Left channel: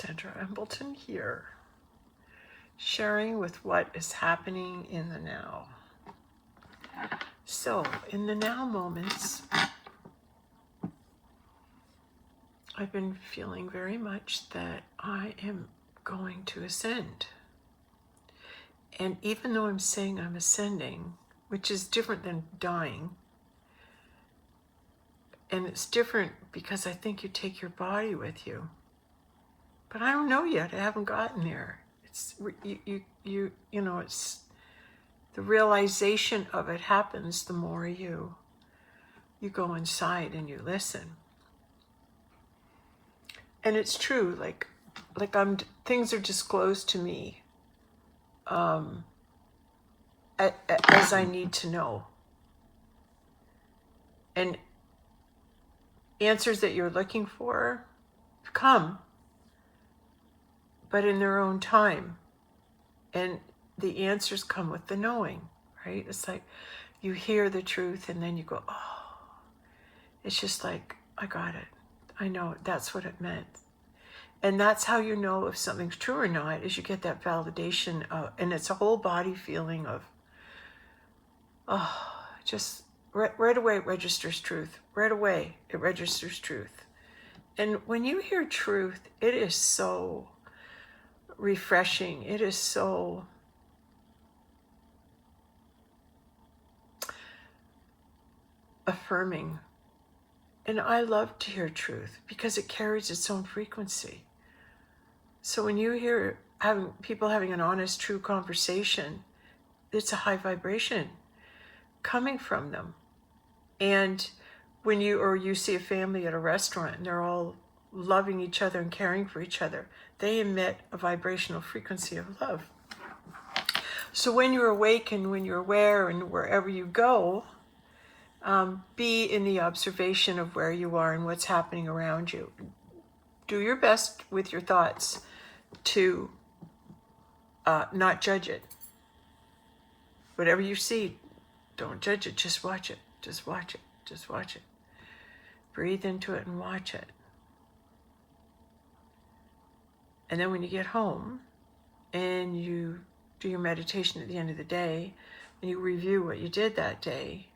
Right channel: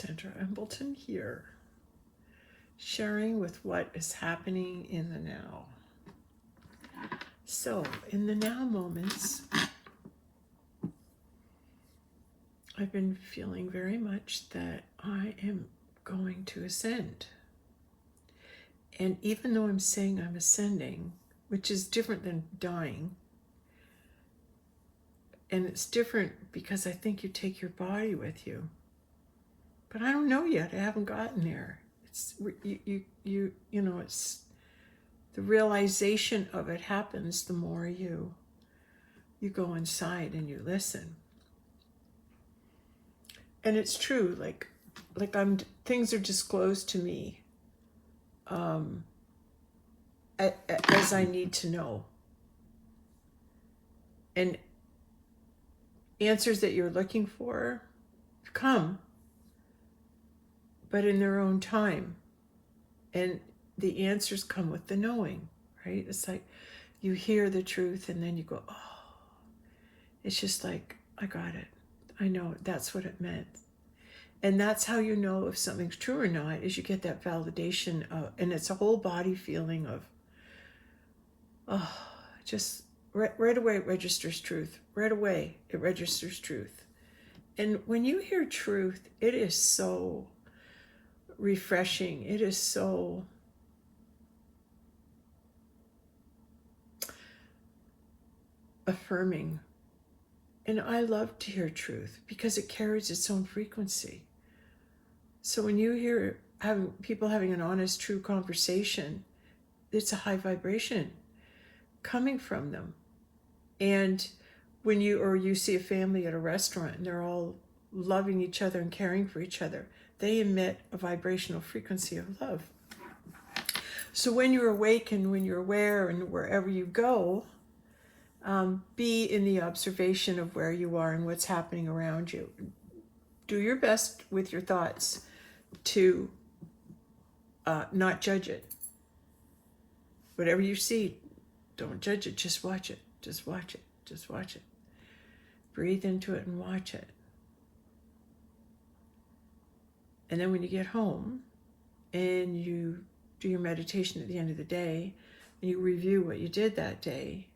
Sandra Embleton here, sharing with what is happening in the now. So, in the now moments, I've been feeling very much that I am going to ascend. And even though I'm saying I'm ascending, which is different than dying, and it's different because I think you take your body with you. But I don't know yet. I haven't gotten there. It's you know, it's the realization of it happens the more you go inside and you listen. And it's true, like things are disclosed to me as I need to know. And answers that you're looking for come, but in their own time. And the answers come with the knowing, right? It's like you hear the truth and then you go, oh, it's just like, I got it. I know that's what it meant. And that's how you know if something's true or not, is you get that validation and it's a whole body feeling of, oh, just right away it registers truth. Right away it registers truth. And when you hear truth, it is so refreshing. It is so affirming. And I love to hear truth because it carries its own frequency. So when you hear people having an honest, true conversation, it's a high vibration coming from them. And when you see a family at a restaurant and they're all loving each other and caring for each other, they emit a vibrational frequency of love. So when you're awake and when you're aware and wherever you go, be in the observation of where you are and what's happening around you. Do your best with your thoughts to not judge it. Whatever you see, don't judge it. Just watch it. Just watch it. Just watch it. Breathe into it and watch it. And then when you get home and you do your meditation at the end of the day and you review what you did that day,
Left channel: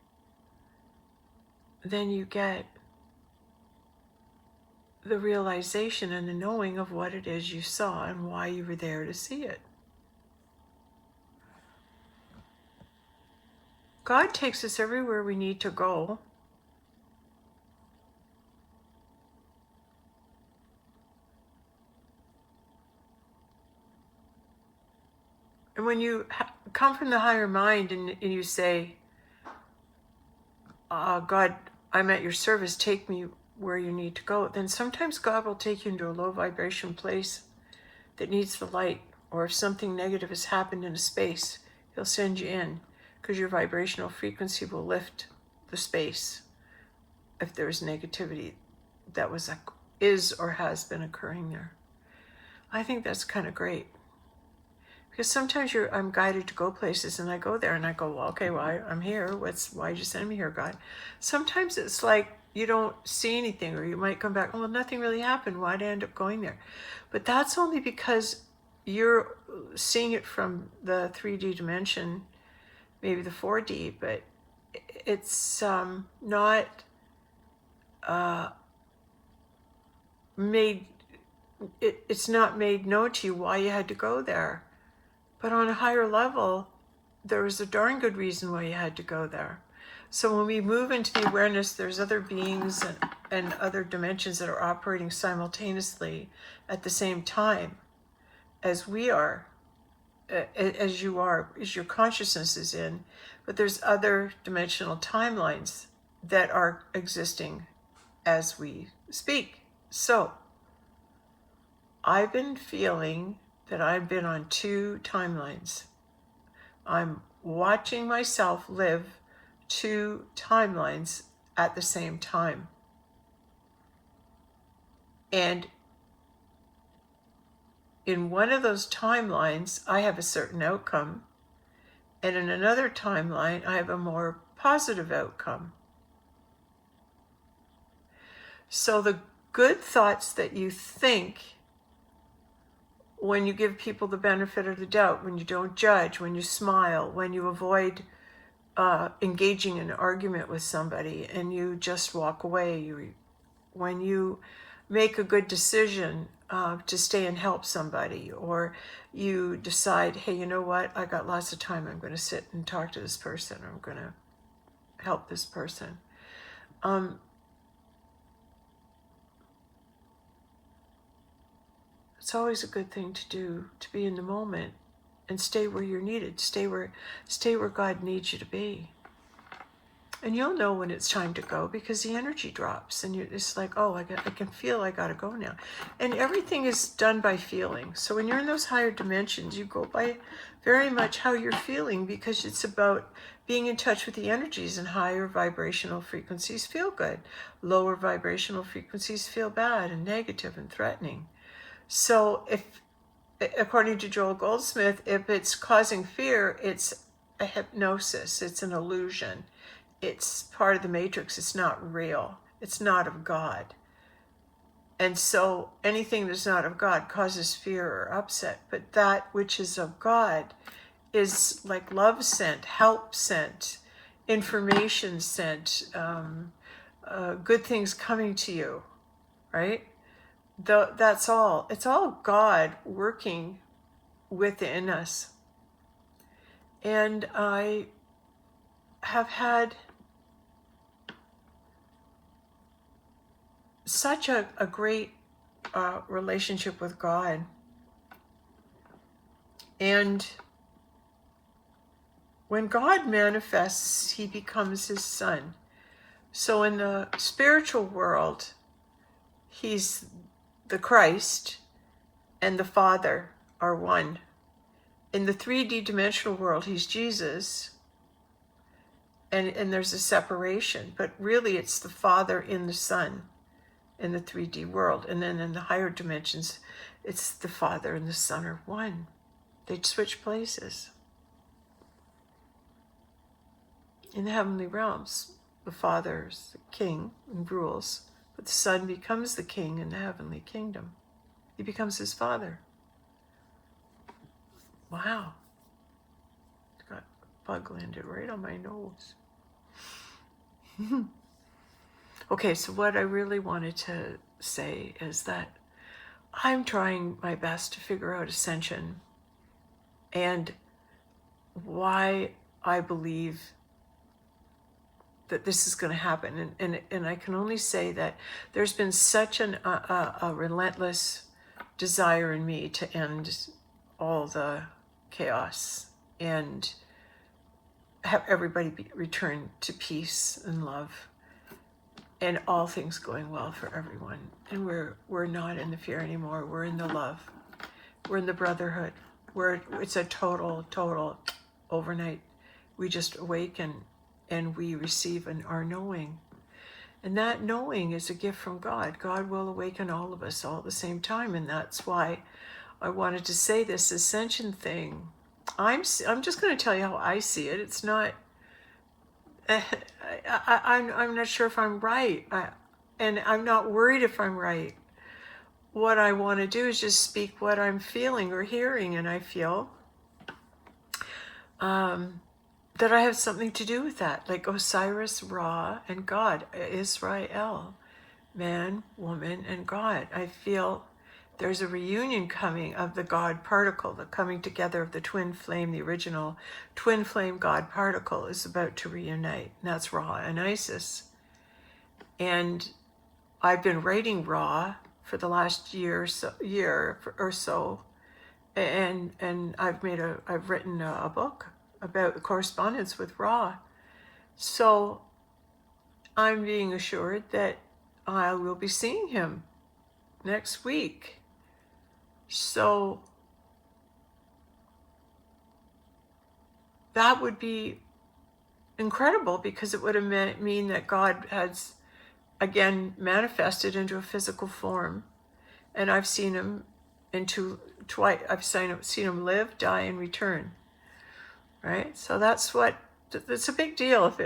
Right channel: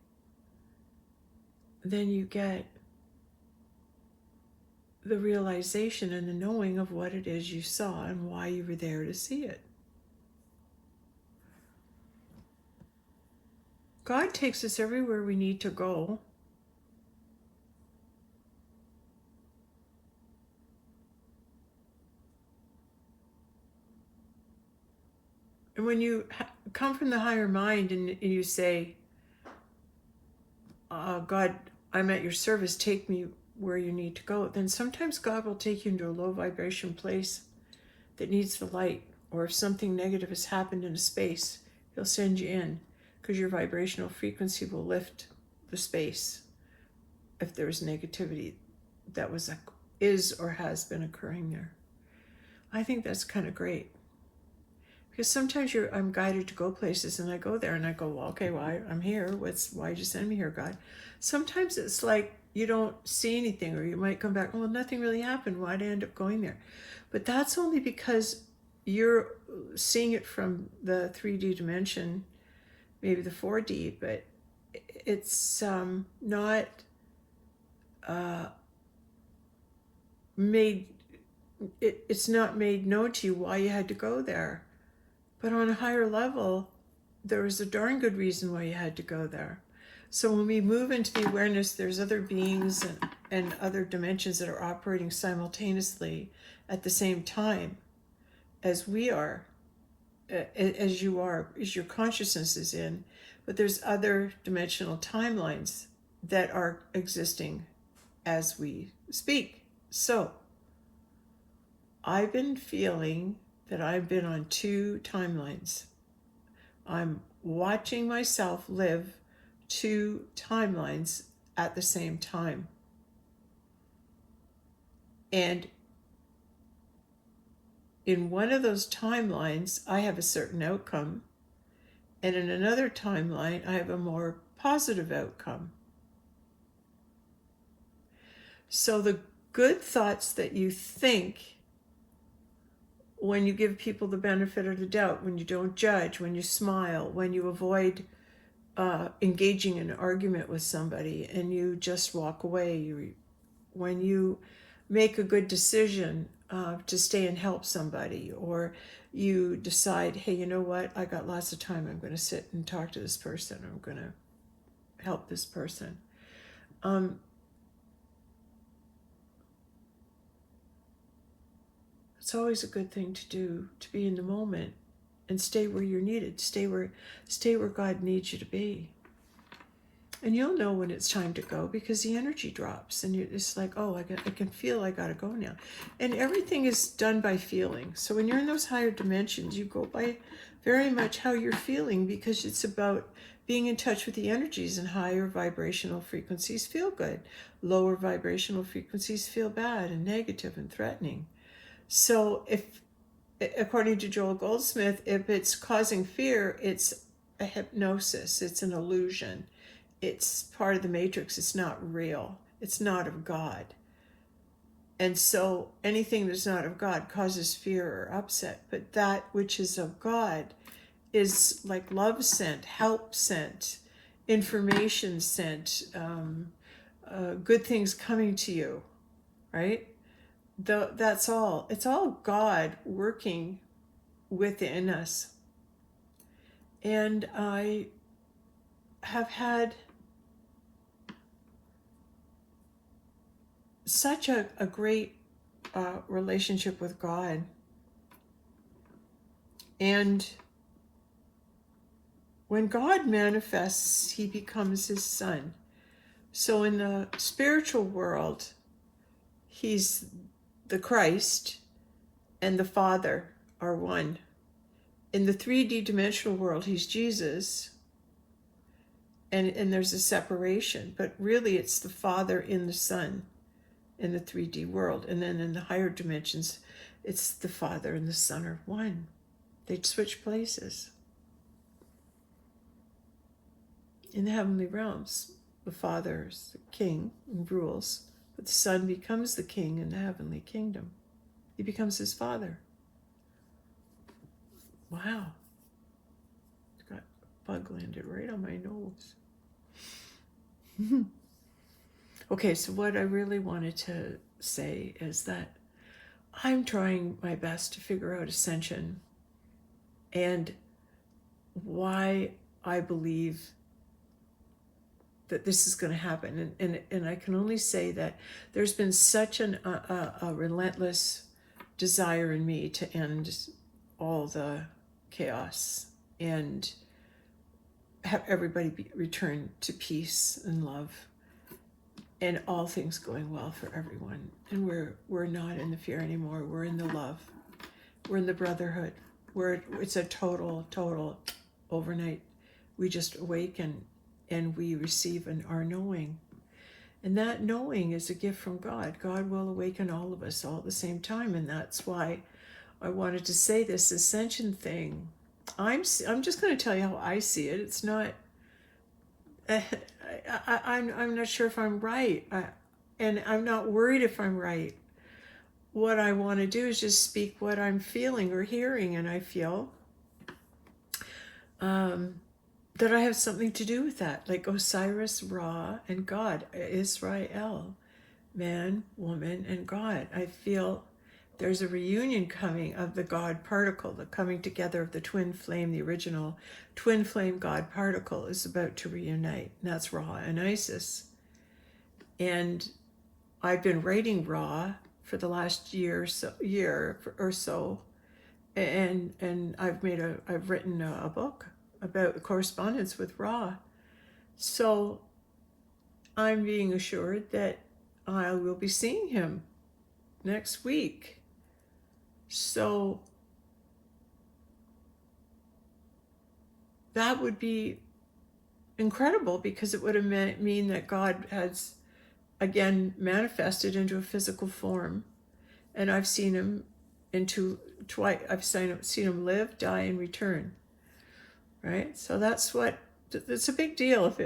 then you get the realization and the knowing of what it is you saw and why you were there to see it. God takes us everywhere we need to go. And when you come from the higher mind and you say, God, I'm at your service, take me where you need to go, then sometimes God will take you into a low vibration place that needs the light. Or if something negative has happened in a space, he'll send you in because your vibrational frequency will lift the space if there's negativity that is or has been occurring there. I think that's kind of great. Because sometimes I'm guided to go places and I go there and I go, well, okay, well, I'm here. Why'd you send me here, God? Sometimes it's like you don't see anything, or you might come back, well, nothing really happened. Why'd I end up going there? But that's only because you're seeing it from the 3D dimension, maybe the 4D, but it's not it's not made known to you why you had to go there. But on a higher level, there was a darn good reason why you had to go there. So when we move into the awareness, there's other beings and other dimensions that are operating simultaneously at the same time as we are, as you are, as your consciousness is in. But there's other dimensional timelines that are existing as we speak. So I've been feeling that I've been on two timelines. I'm watching myself live two timelines at the same time. And in one of those timelines, I have a certain outcome. And in another timeline, I have a more positive outcome. So the good thoughts that you think when you give people the benefit of the doubt, when you don't judge, when you smile, when you avoid engaging in an argument with somebody and you just walk away, when you make a good decision to stay and help somebody, or you decide, hey, you know what, I got lots of time, I'm going to sit and talk to this person, I'm going to help this person. It's always a good thing to do, to be in the moment and stay where you're needed, stay where God needs you to be. And you'll know when it's time to go, because the energy drops and you're just like, oh, I can feel I got to go now. And everything is done by feeling. So when you're in those higher dimensions, you go by very much how you're feeling, because it's about being in touch with the energies, and higher vibrational frequencies feel good. Lower vibrational frequencies feel bad and negative and threatening. So if, according to Joel Goldsmith, if it's causing fear, it's a hypnosis, it's an illusion. It's part of the matrix. It's not real. It's not of God. And so anything that's not of God causes fear or upset. But that which is of God is like love sent, help sent, information sent, good things coming to you, right? That's all. It's all God working within us. And I have had such a great relationship with God. And when God manifests, he becomes his son. So in the spiritual world, he's the Christ and the Father are one. In the 3D dimensional world, he's Jesus. And there's a separation. But really, it's the Father in the Son in the 3D world. And then in the higher dimensions, it's the Father and the Son are one. They switch places. In the heavenly realms, the Father's the king and rules, but the Son becomes the king in the heavenly kingdom. He becomes his Father. Wow. Got a bug landed right on my nose. Okay, so what I really wanted to say is that I'm trying my best to figure out ascension and why I believe that this is going to happen. And I can only say that there's been such a relentless desire in me to end all the chaos and have everybody return to peace and love and all things going well for everyone. And we're not in the fear anymore. We're in the love. We're in the brotherhood. It's a total overnight. We just awaken and we receive our knowing. And that knowing is a gift from God. God will awaken all of us all at the same time. And that's why I wanted to say this ascension thing. I'm just going to tell you how I see it. It's not, I'm not sure if I'm right. And I'm not worried if I'm right. What I want to do is just speak what I'm feeling or hearing. And I feel that I have something to do with that. Like Osiris, Ra, and God, Israel, man, woman, and God. I feel there's a reunion coming of the God particle, the coming together of the twin flame, the original twin flame God particle is about to reunite. And that's Ra and Isis. And I've been writing Ra for the last year or so. And I've written a book about the correspondence with Ra. So I'm being assured that I will be seeing him next week. So that would be incredible, because it would mean that God has again manifested into a physical form, and I've seen him twice. I've seen him live, die, and return. Right. So that's a big deal if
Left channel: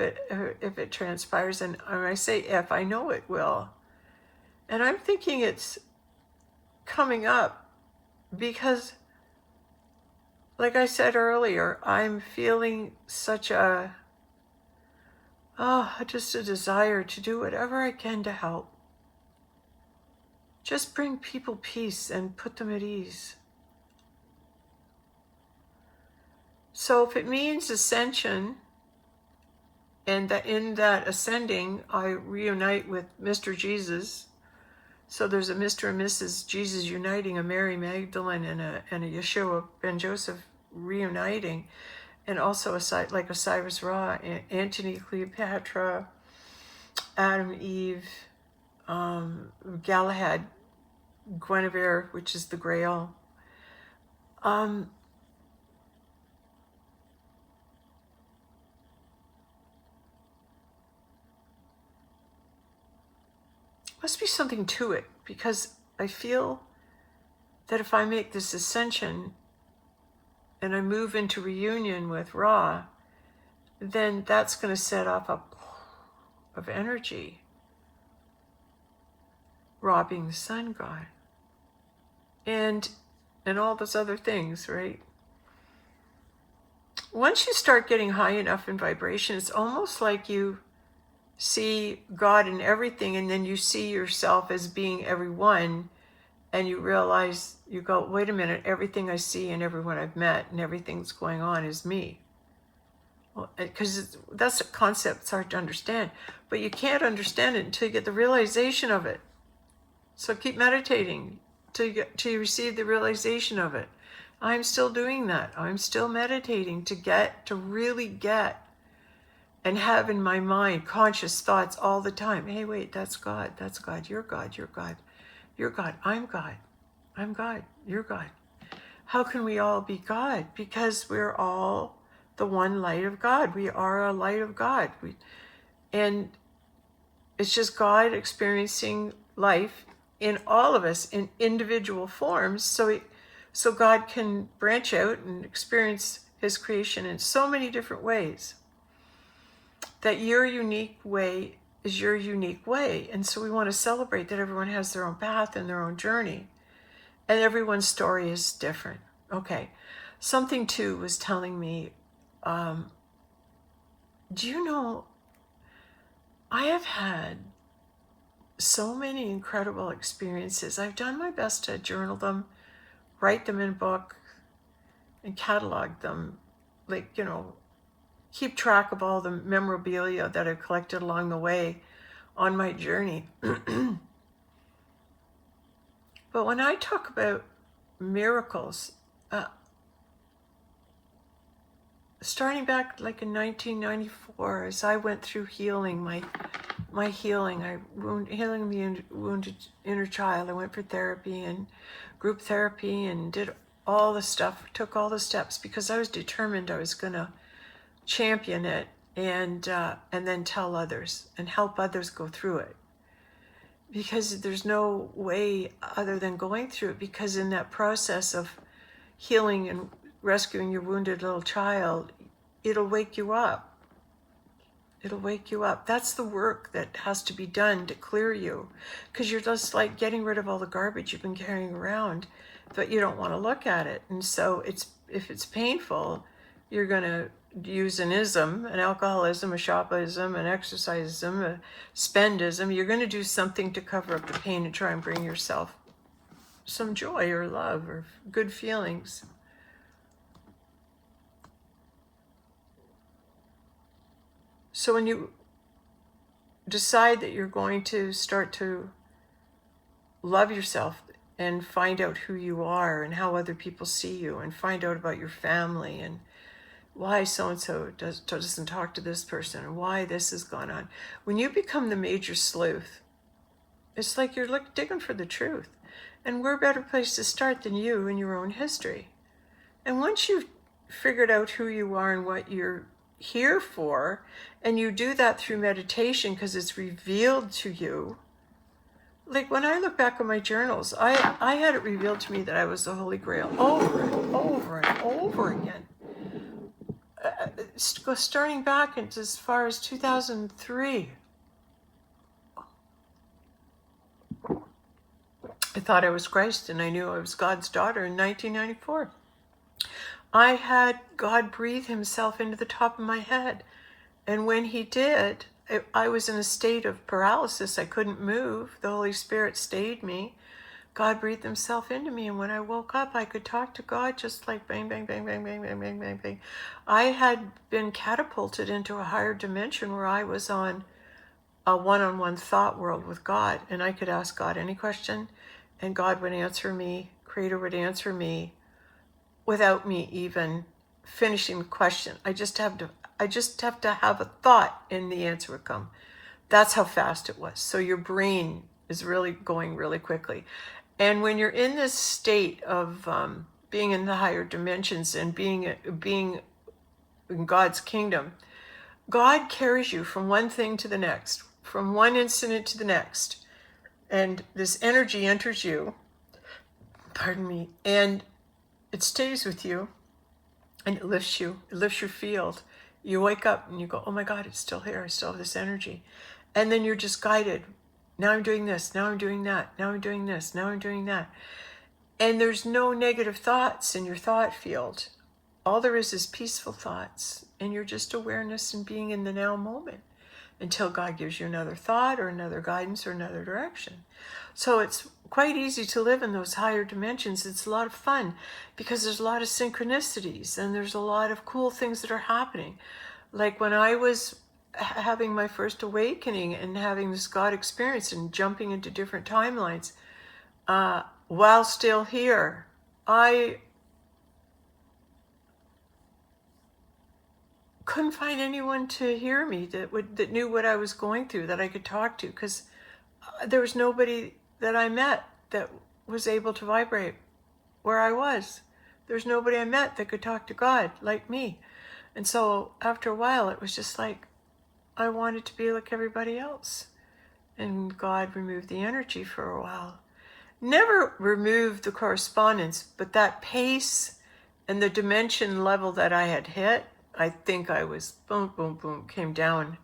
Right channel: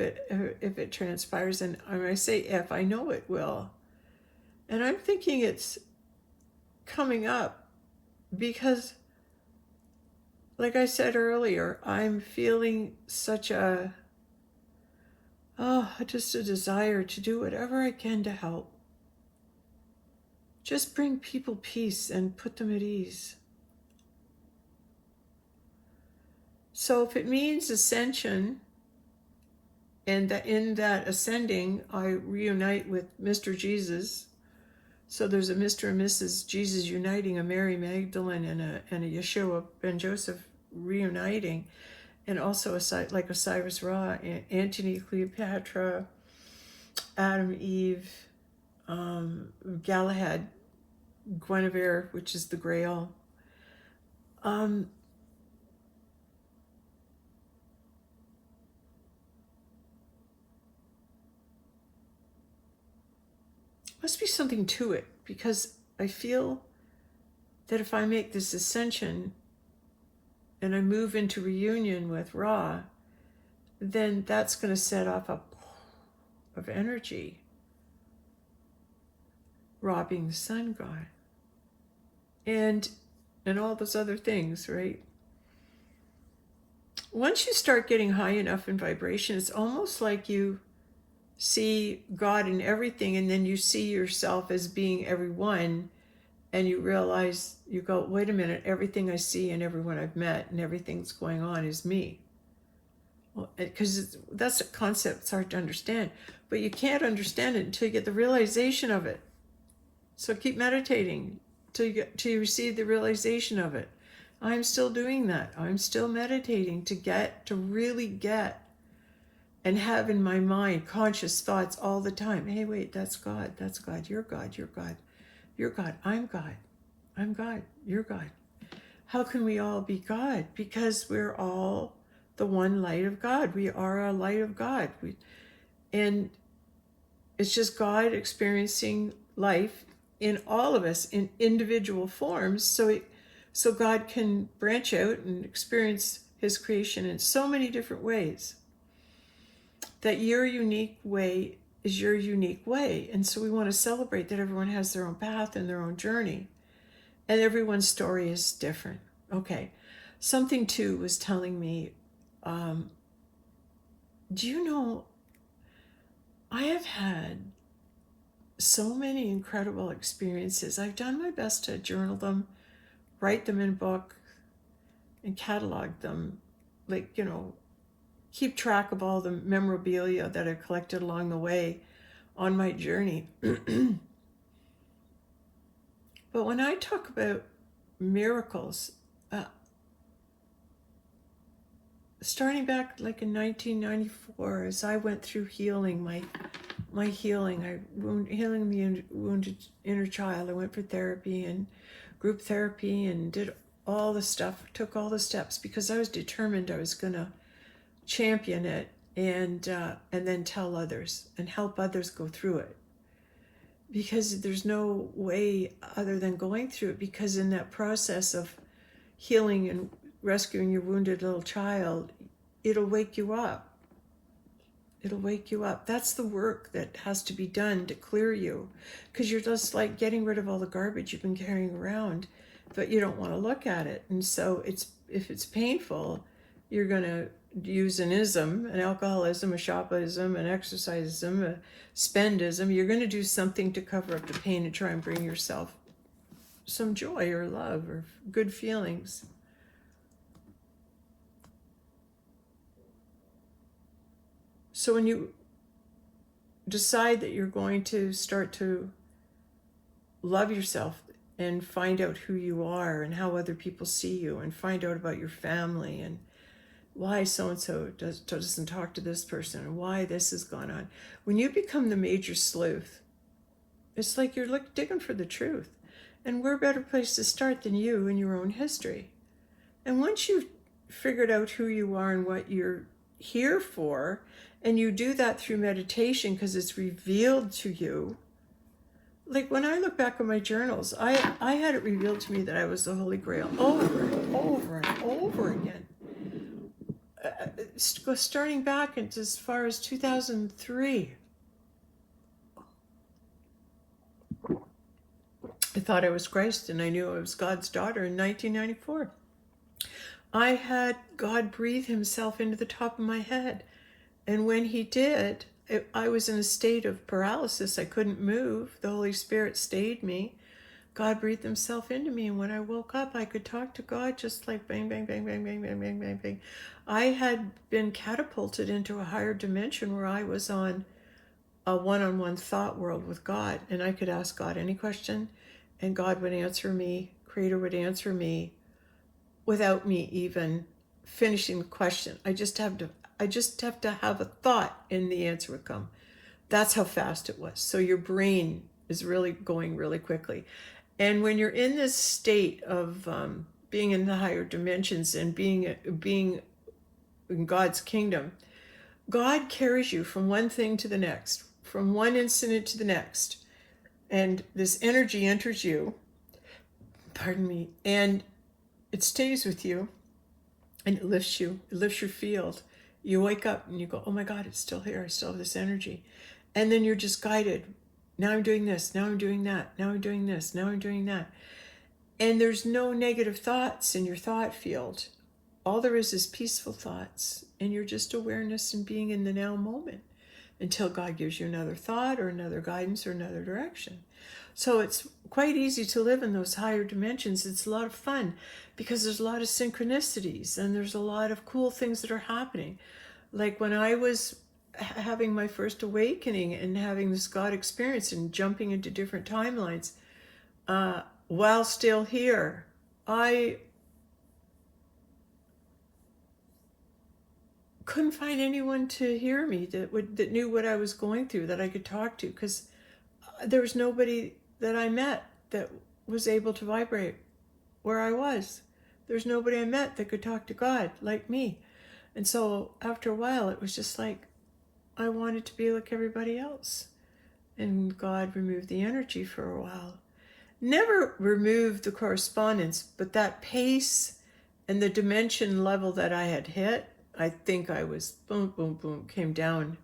it transpires. And when I say if, I know it will. And I'm thinking it's coming up because, like I said earlier, I'm feeling such just a desire to do whatever I can to help. Just bring people peace and put them at ease. So if it means ascension, and that in that ascending, I reunite with Mr. Jesus. So there's a Mr. and Mrs. Jesus uniting, a Mary Magdalene and a Yeshua ben Joseph reuniting, and also like Osiris Ra, Antony, Cleopatra, Adam, Eve, Galahad, Guinevere, which is the Grail. Must be something to it, because I feel that if I make this ascension and I move into reunion with Ra, then that's going to set off a of energy. Ra being the sun god. And all those other things, right? Once you start getting high enough in vibration, it's almost like you see God in everything, and then you see yourself as being everyone, and you realize, you go, wait a minute, everything I see and everyone I've met and everything that's going on is me. Well, because that's a concept, it's hard to understand, but you can't understand it until you get the realization of it. So keep meditating till you receive the realization of it. I'm still doing that. I'm still meditating to really get and have in my mind conscious thoughts all the time. Hey, wait, that's God. That's God. You're God. You're God. You're God. I'm God. I'm God. You're God. How can we all be God? Because we're all the one light of God. We are a light of God. And it's just God experiencing life in all of us in individual forms. So God can branch out and experience his creation in so many different ways. That your unique way is your unique way. And so we want to celebrate that everyone has their own path and their own journey. And everyone's story is different. Okay. Something too was telling me, do you know, I have had so many incredible experiences. I've done my best to journal them, write them in a book, and catalog them. Like, keep track of all the memorabilia that I've collected along the way on my journey. But when I talk about miracles, starting back like in 1994, as I went through healing, my healing, healing the wounded inner child, I went for therapy and group therapy and did all the stuff, took all the steps, because I was determined I was going to champion it and then tell others and help others go through it. Because there's no way other than going through it, because in that process of healing and rescuing your wounded little child, it'll wake you up. It'll wake you up. That's the work that has to be done to clear you, because you're just like getting rid of all the garbage you've been carrying around, but you don't want to look at it. And so if it's painful, you're going to use an ism, an alcoholism, a shopism, an exercisism, a spendism. You're going to do something to cover up the pain and try and bring yourself some joy or love or good feelings. So when you decide that you're going to start to love yourself and find out who you are and how other people see you, and find out about your family and why so-and-so doesn't talk to this person and why this has gone on. When you become the major sleuth, it's like you're digging for the truth. And where a better place to start than you in your own history? And once you've figured out who you are and what you're here for, and you do that through meditation because it's revealed to you. Like when I look back on my journals, I had it revealed to me that I was the Holy Grail over and over and over again. Starting back as far as 2003. I thought I was Christ, and I knew I was God's daughter in 1994. I had God breathe himself into the top of my head. And when he did, I was in a state of paralysis. I couldn't move. The Holy Spirit stayed me. God breathed himself into me. And when I woke up, I could talk to God just like bang, bang, bang, bang, bang, bang, bang, bang, bang. I had been catapulted into a higher dimension where I was on a one-on-one thought world with God. And I could ask God any question, and God would answer me. Creator would answer me without me even finishing the question. I just have to have a thought and the answer would come. That's how fast it was. So your brain is really going really quickly. And when you're in this state of being in the higher dimensions and being in God's kingdom, God carries you from one thing to the next, from one incident to the next. And this energy enters you, pardon me, and it stays with you. And it lifts you. It lifts your field. You wake up and you go, oh my God, it's still here. I still have this energy. And then you're just guided. Now I'm doing this. Now I'm doing that. Now I'm doing this. Now I'm doing that. And there's no negative thoughts in your thought field. All there is peaceful thoughts. And you're just awareness and being in the now moment until God gives you another thought or another guidance or another direction. So it's quite easy to live in those higher dimensions. It's a lot of fun because there's a lot of synchronicities and there's a lot of cool things that are happening. Like when I was having my first awakening and having this God experience and jumping into different timelines, while still here, I couldn't find anyone to hear me that knew what I was going through, that I could talk to, because there was nobody that I met that was able to vibrate where I was. There's nobody I met that could talk to God like me. And so after a while, it was just like I wanted to be like everybody else. And God removed the energy for a while. Never removed the correspondence, but that pace and the dimension level that I had hit, I think I was boom, boom, boom, came down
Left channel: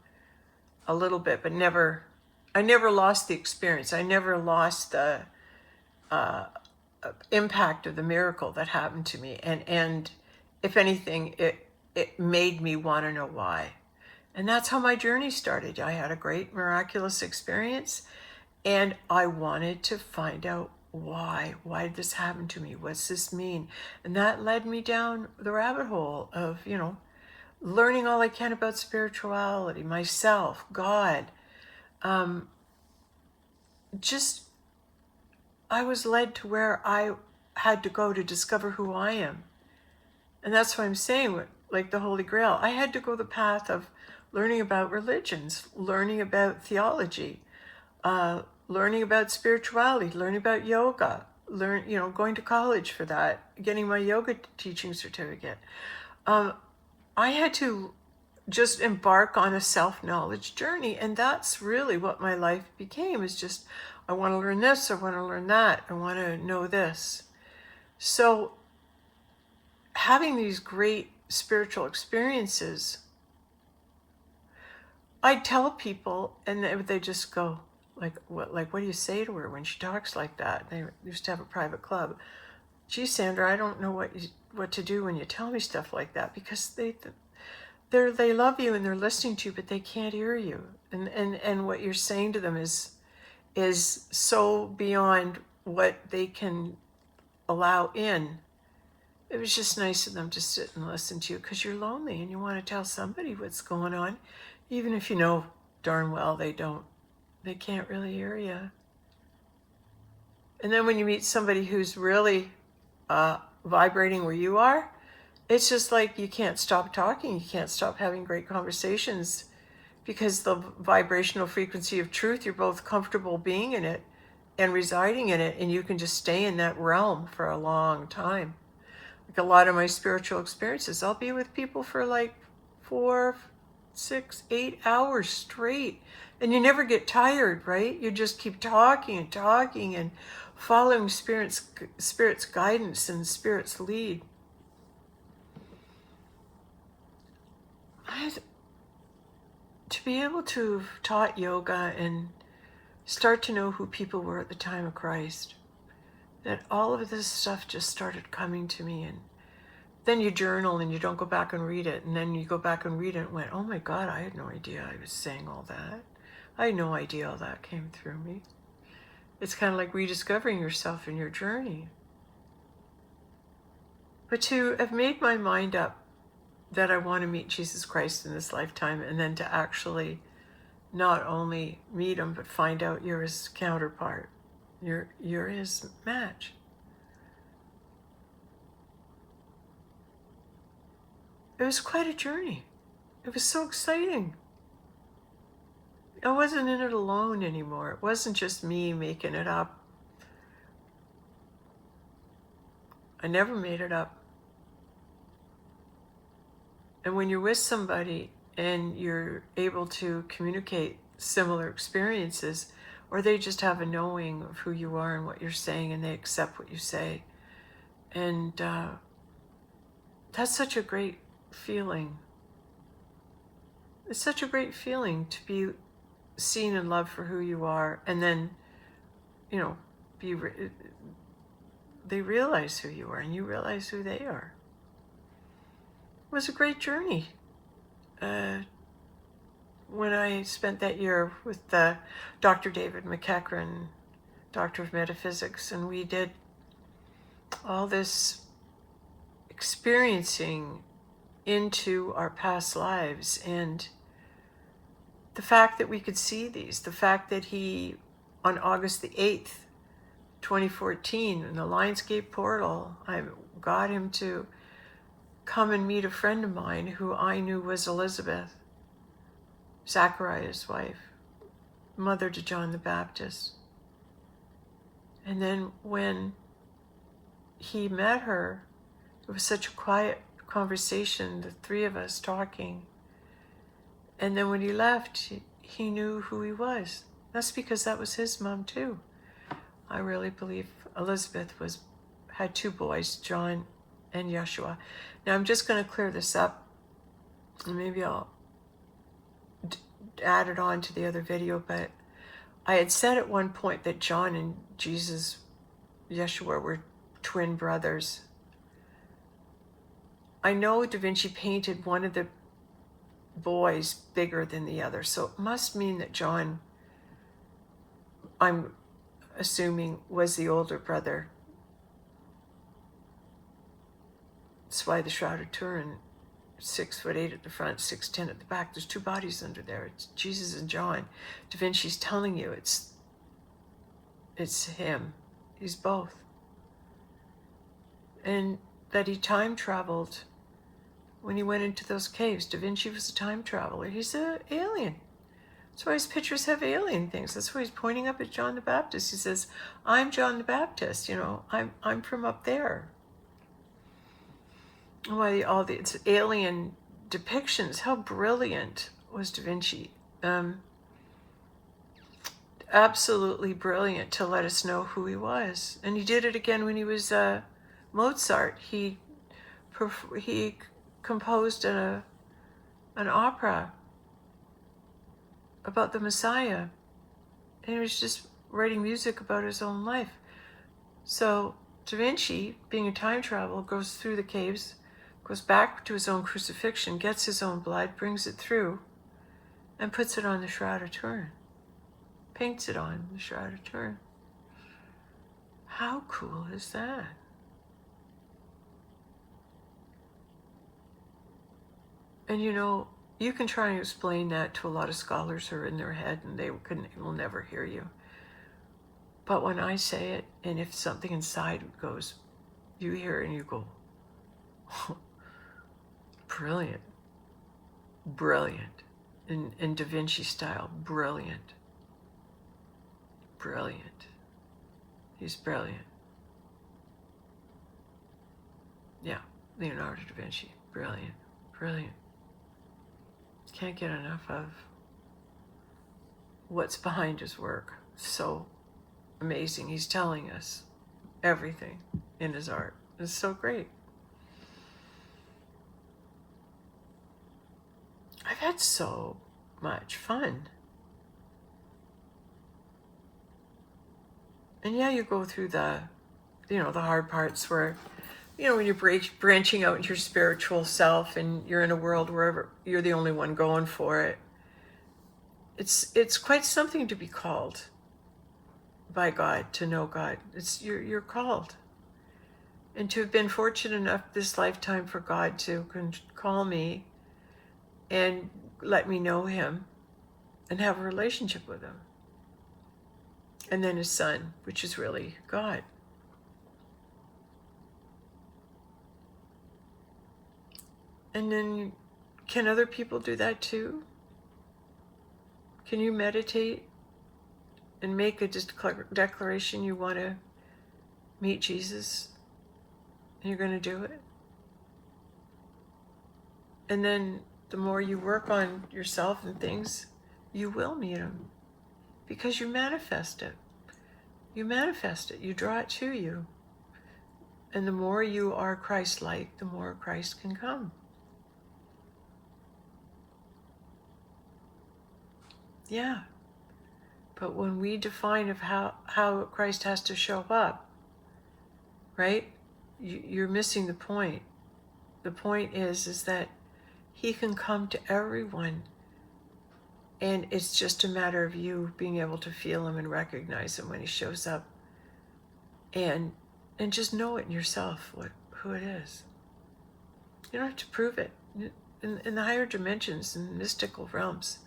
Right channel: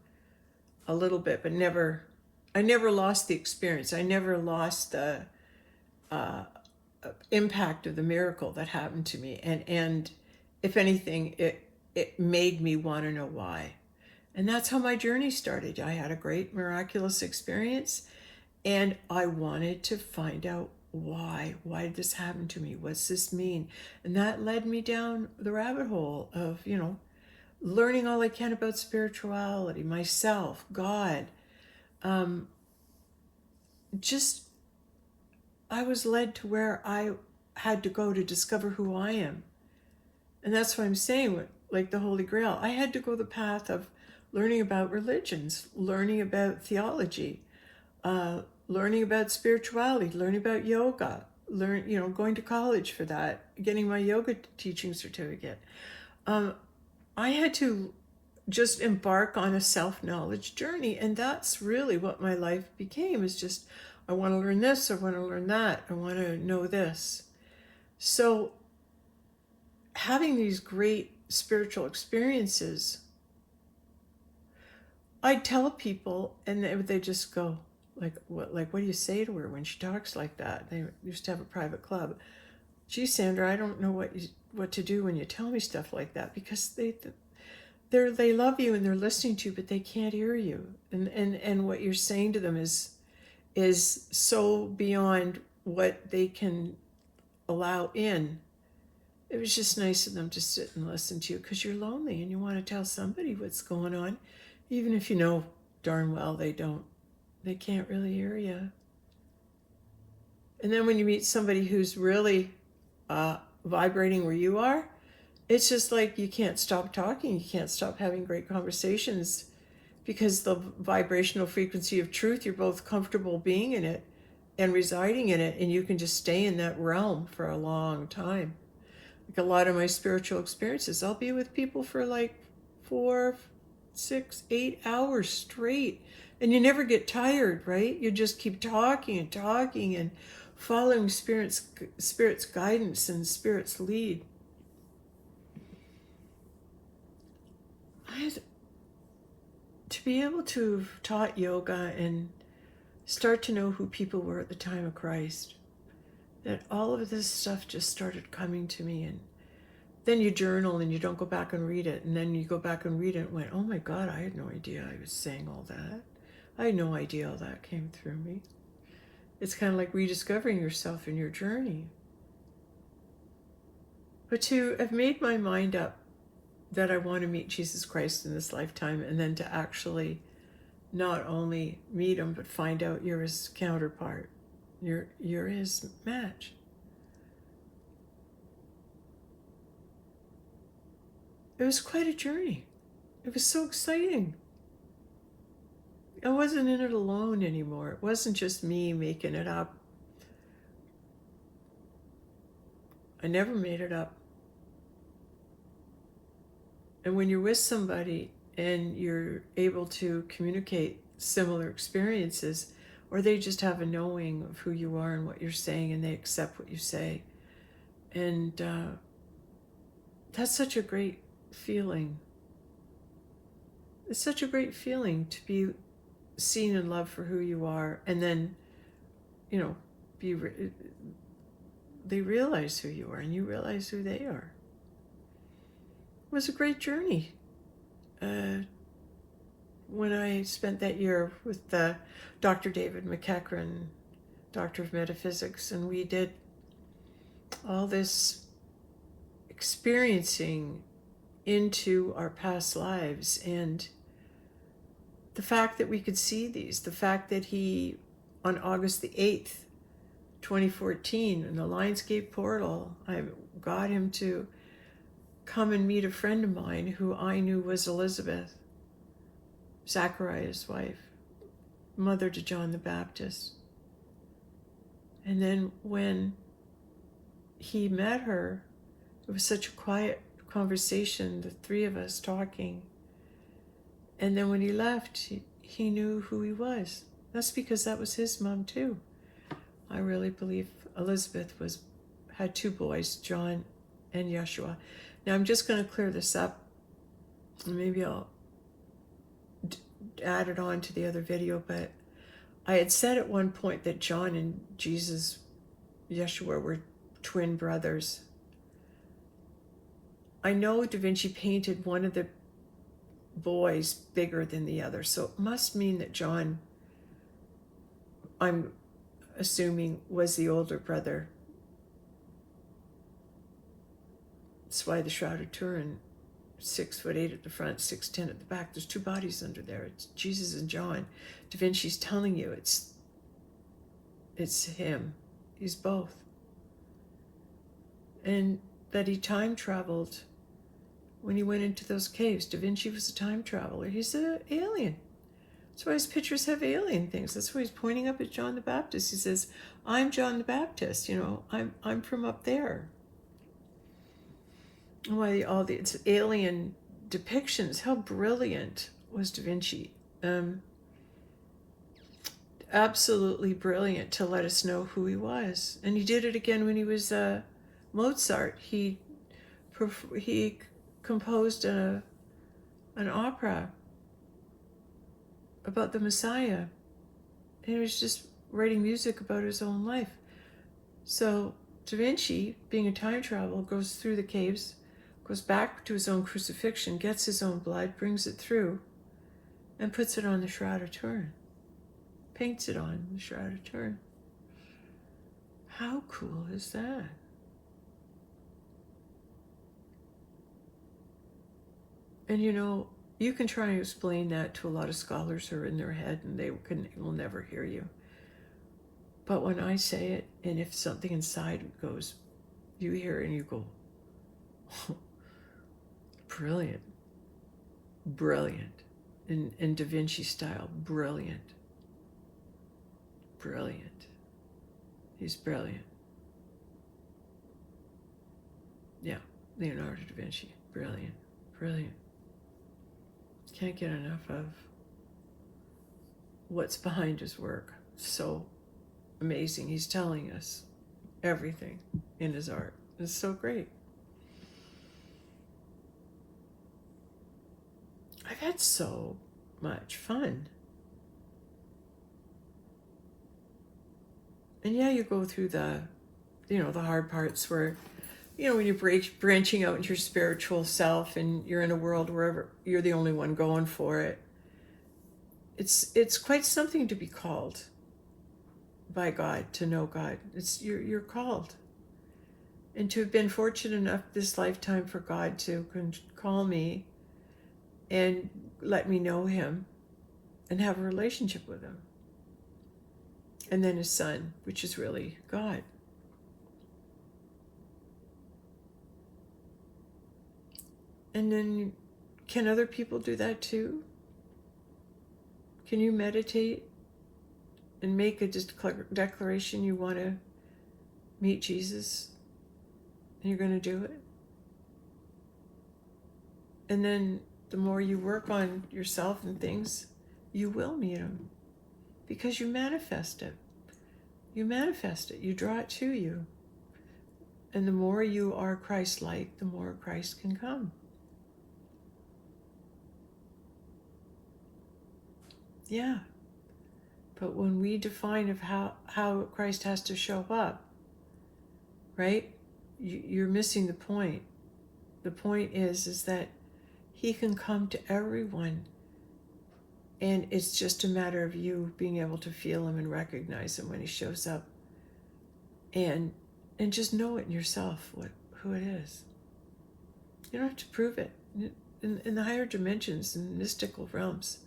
a little bit, but I never lost the experience. I never lost the impact of the miracle that happened to me. And if anything, it made me want to know why. And that's how my journey started. I had a great miraculous experience and I wanted to find out why. Why did this happen to me? What's this mean? And that led me down the rabbit hole of, learning all I can about spirituality, myself, God. Just, I was led to where I had to go to discover who I am. And that's what I'm saying, like the Holy Grail. I had to go the path of learning about religions, learning about theology, learning about spirituality, learning about yoga, going to college for that, getting my yoga teaching certificate. I had to just embark on a self-knowledge journey. And that's really what my life became, is just, I want to learn this, I want to learn that, I want to know this. So having these great spiritual experiences, I tell people and they just go, what do you say to her when she talks like that? They used to have a private club. Gee, Sandra, I don't know what to do when you tell me stuff like that, because they love you and they're listening to you, but they can't hear you. And what you're saying to them is so beyond what they can allow in. It was just nice of them to sit and listen to you, because you're lonely and you want to tell somebody what's going on, even if you know darn well they can't really hear you. And then when you meet somebody who's really vibrating where you are, it's just like you can't stop talking. You can't stop having great conversations, because the vibrational frequency of truth, you're both comfortable being in it and residing in it, and you can just stay in that realm for a long time. Like a lot of my spiritual experiences, I'll be with people for like 4, 6, 8 hours straight, and you never get tired, right? You just keep talking and talking and following Spirit's guidance and Spirit's lead. To be able to have taught yoga and start to know who people were at the time of Christ, that all of this stuff just started coming to me. And then you journal and you don't go back and read it. And then you go back and read it and went, oh my God, I had no idea I was saying all that. I had no idea all that came through me. It's kind of like rediscovering yourself in your journey. But to have made my mind up that I want to meet Jesus Christ in this lifetime, and then to actually not only meet him, but find out you're his counterpart. You're his match. It was quite a journey. It was so exciting. I wasn't in it alone anymore. It wasn't just me making it up. I never made it up. And when you're with somebody and you're able to communicate similar experiences, or they just have a knowing of who you are and what you're saying, and they accept what you say. And that's such a great feeling. It's such a great feeling to be seen and loved for who you are, and then, they realize who you are and you realize who they are. It was a great journey. When I spent that year with Dr. David McEachran, Doctor of Metaphysics, and we did all this experiencing into our past lives, and the fact that we could see these, the fact that he, on August the 8th, 2014, in the Lionsgate portal, I got him to come and meet a friend of mine who I knew was Elizabeth, Zachariah's wife, mother to John the Baptist. And then when he met her, it was such a quiet conversation, the three of us talking. And then when he left, he knew who he was. That's because that was his mom too. I really believe Elizabeth had two boys, John and Yeshua. Now I'm just going to clear this up, and maybe I'll add it on to the other video, but I had said at one point that John and Jesus, Yeshua, were twin brothers. I know Da Vinci painted one of the boys bigger than the other, so it must mean that John, I'm assuming, was the older brother. That's why the Shroud of Turin, 6'8" at the front, 6'10" at the back. There's two bodies under there. It's Jesus and John. Da Vinci's telling you it's him. He's both. And that he time traveled when he went into those caves. Da Vinci was a time traveler. He's an alien. That's why his pictures have alien things. That's why he's pointing up at John the Baptist. He says, I'm John the Baptist, I'm from up there. Why all these alien depictions, how brilliant was Da Vinci. Absolutely brilliant to let us know who he was. And he did it again when he was Mozart. He composed an opera about the Messiah, and he was just writing music about his own life. So Da Vinci, being a time traveler, goes through the caves, goes back to his own crucifixion, gets his own blood, brings it through, and puts it on the Shroud of Turin. Paints it on the Shroud of Turin. How cool is that? And you can try and explain that to a lot of scholars who are in their head, and they will never hear you. But when I say it, and if something inside goes, you hear it and you go, brilliant, brilliant, in Da Vinci style, brilliant, brilliant. He's brilliant. Yeah, Leonardo da Vinci, brilliant, brilliant. Can't get enough of what's behind his work. So amazing. He's telling us everything in his art. It's so great. I've had so much fun. And yeah, you go through the the hard parts where, when you're branching out into your spiritual self and you're in a world where you're the only one going for it. It's quite something to be called by God, to know God. You're called. And to have been fortunate enough this lifetime for God to call me and let me know him and have a relationship with him. And then his son, which is really God. And then, can other people do that too? Can you meditate and make a declaration you want to meet Jesus? And you're going to do it? And then the more you work on yourself and things, you will meet him. Because you manifest it. You manifest it. You draw it to you. And the more you are Christ-like, the more Christ can come. Yeah. But when we define of how Christ has to show up, right? You're missing the point. The point is that he can come to everyone. And it's just a matter of you being able to feel him and recognize him when he shows up. And just know it in yourself, who it is. You don't have to prove it. In the higher dimensions, in mystical realms,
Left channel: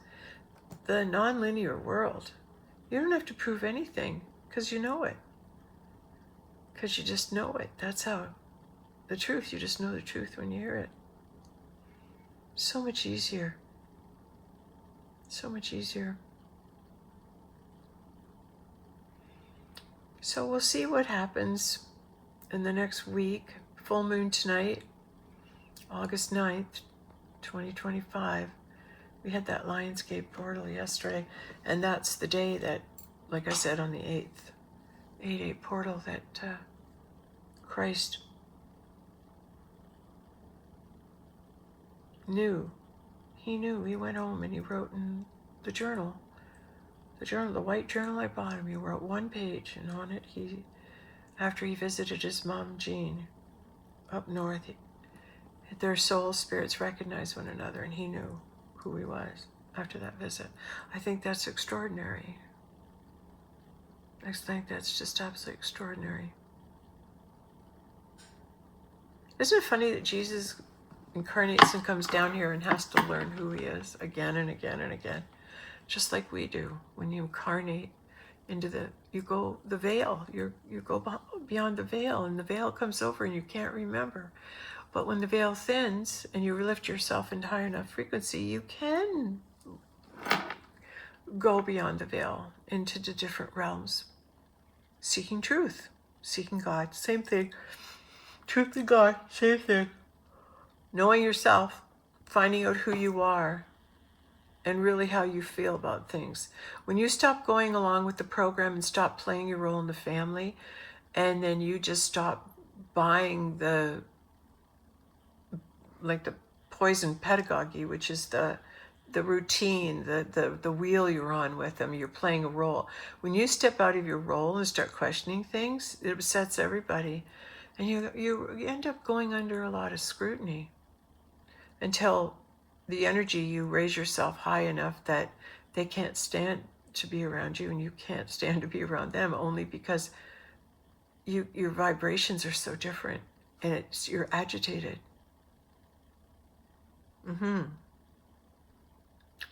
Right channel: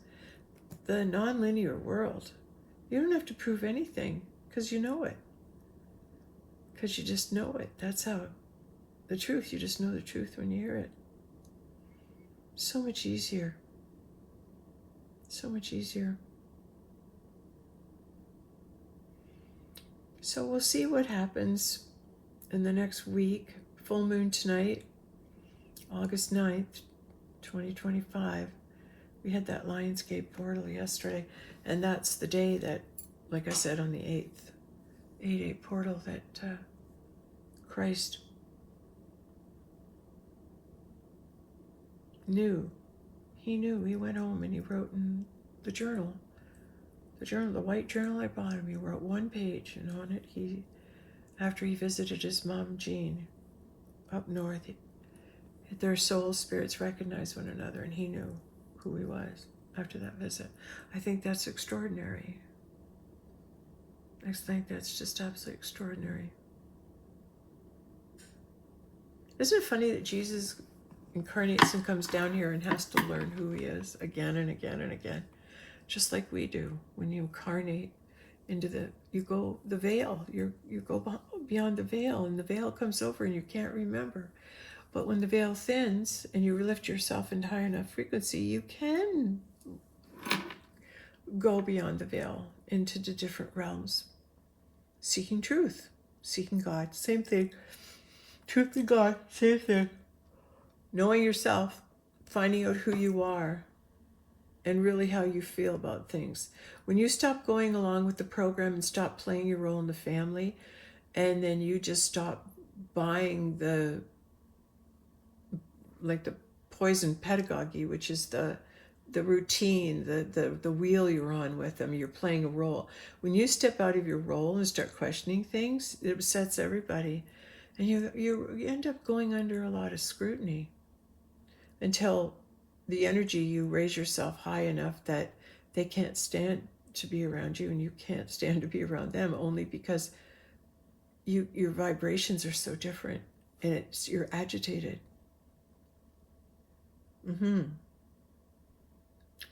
the non-linear world, you don't have to prove anything because you know it. Because you just know it. That's how the truth, you just know the truth when you hear it. So much easier. So much easier. So we'll see what happens in the next week. Full moon tonight, August 9th, 2025. We had that Lionsgate portal yesterday, and that's the day that, like I said, on the 8th, 8/8 portal, that Christ knew. He knew. He went home and he wrote in the journal, the white journal I bought him. He wrote one page, and on it, after he visited his mom, Jean, up north, their soul spirits recognized one another, and he knew who he was after that visit. I think that's extraordinary. I think that's just absolutely extraordinary. Isn't it funny that Jesus incarnates and comes down here and has to learn who he is again and again and again, just like we do. When you incarnate into the veil, you go beyond the veil, and the veil comes over and you can't remember. But when the veil thins and you lift yourself into high enough frequency, you can go beyond the veil into the different realms, seeking truth, seeking God. Same thing. Truth and God, same thing. Knowing yourself, finding out who you are, and really how you feel about things. When you stop going along with the program and stop playing your role in the family, and then you just stop buying the poison pedagogy, which is the routine, the wheel you're on with them, you're playing a role. When you step out of your role and start questioning things, it upsets everybody. And you end up going under a lot of scrutiny until the energy, you raise yourself high enough that they can't stand to be around you and you can't stand to be around them, only because your vibrations are so different and you're agitated.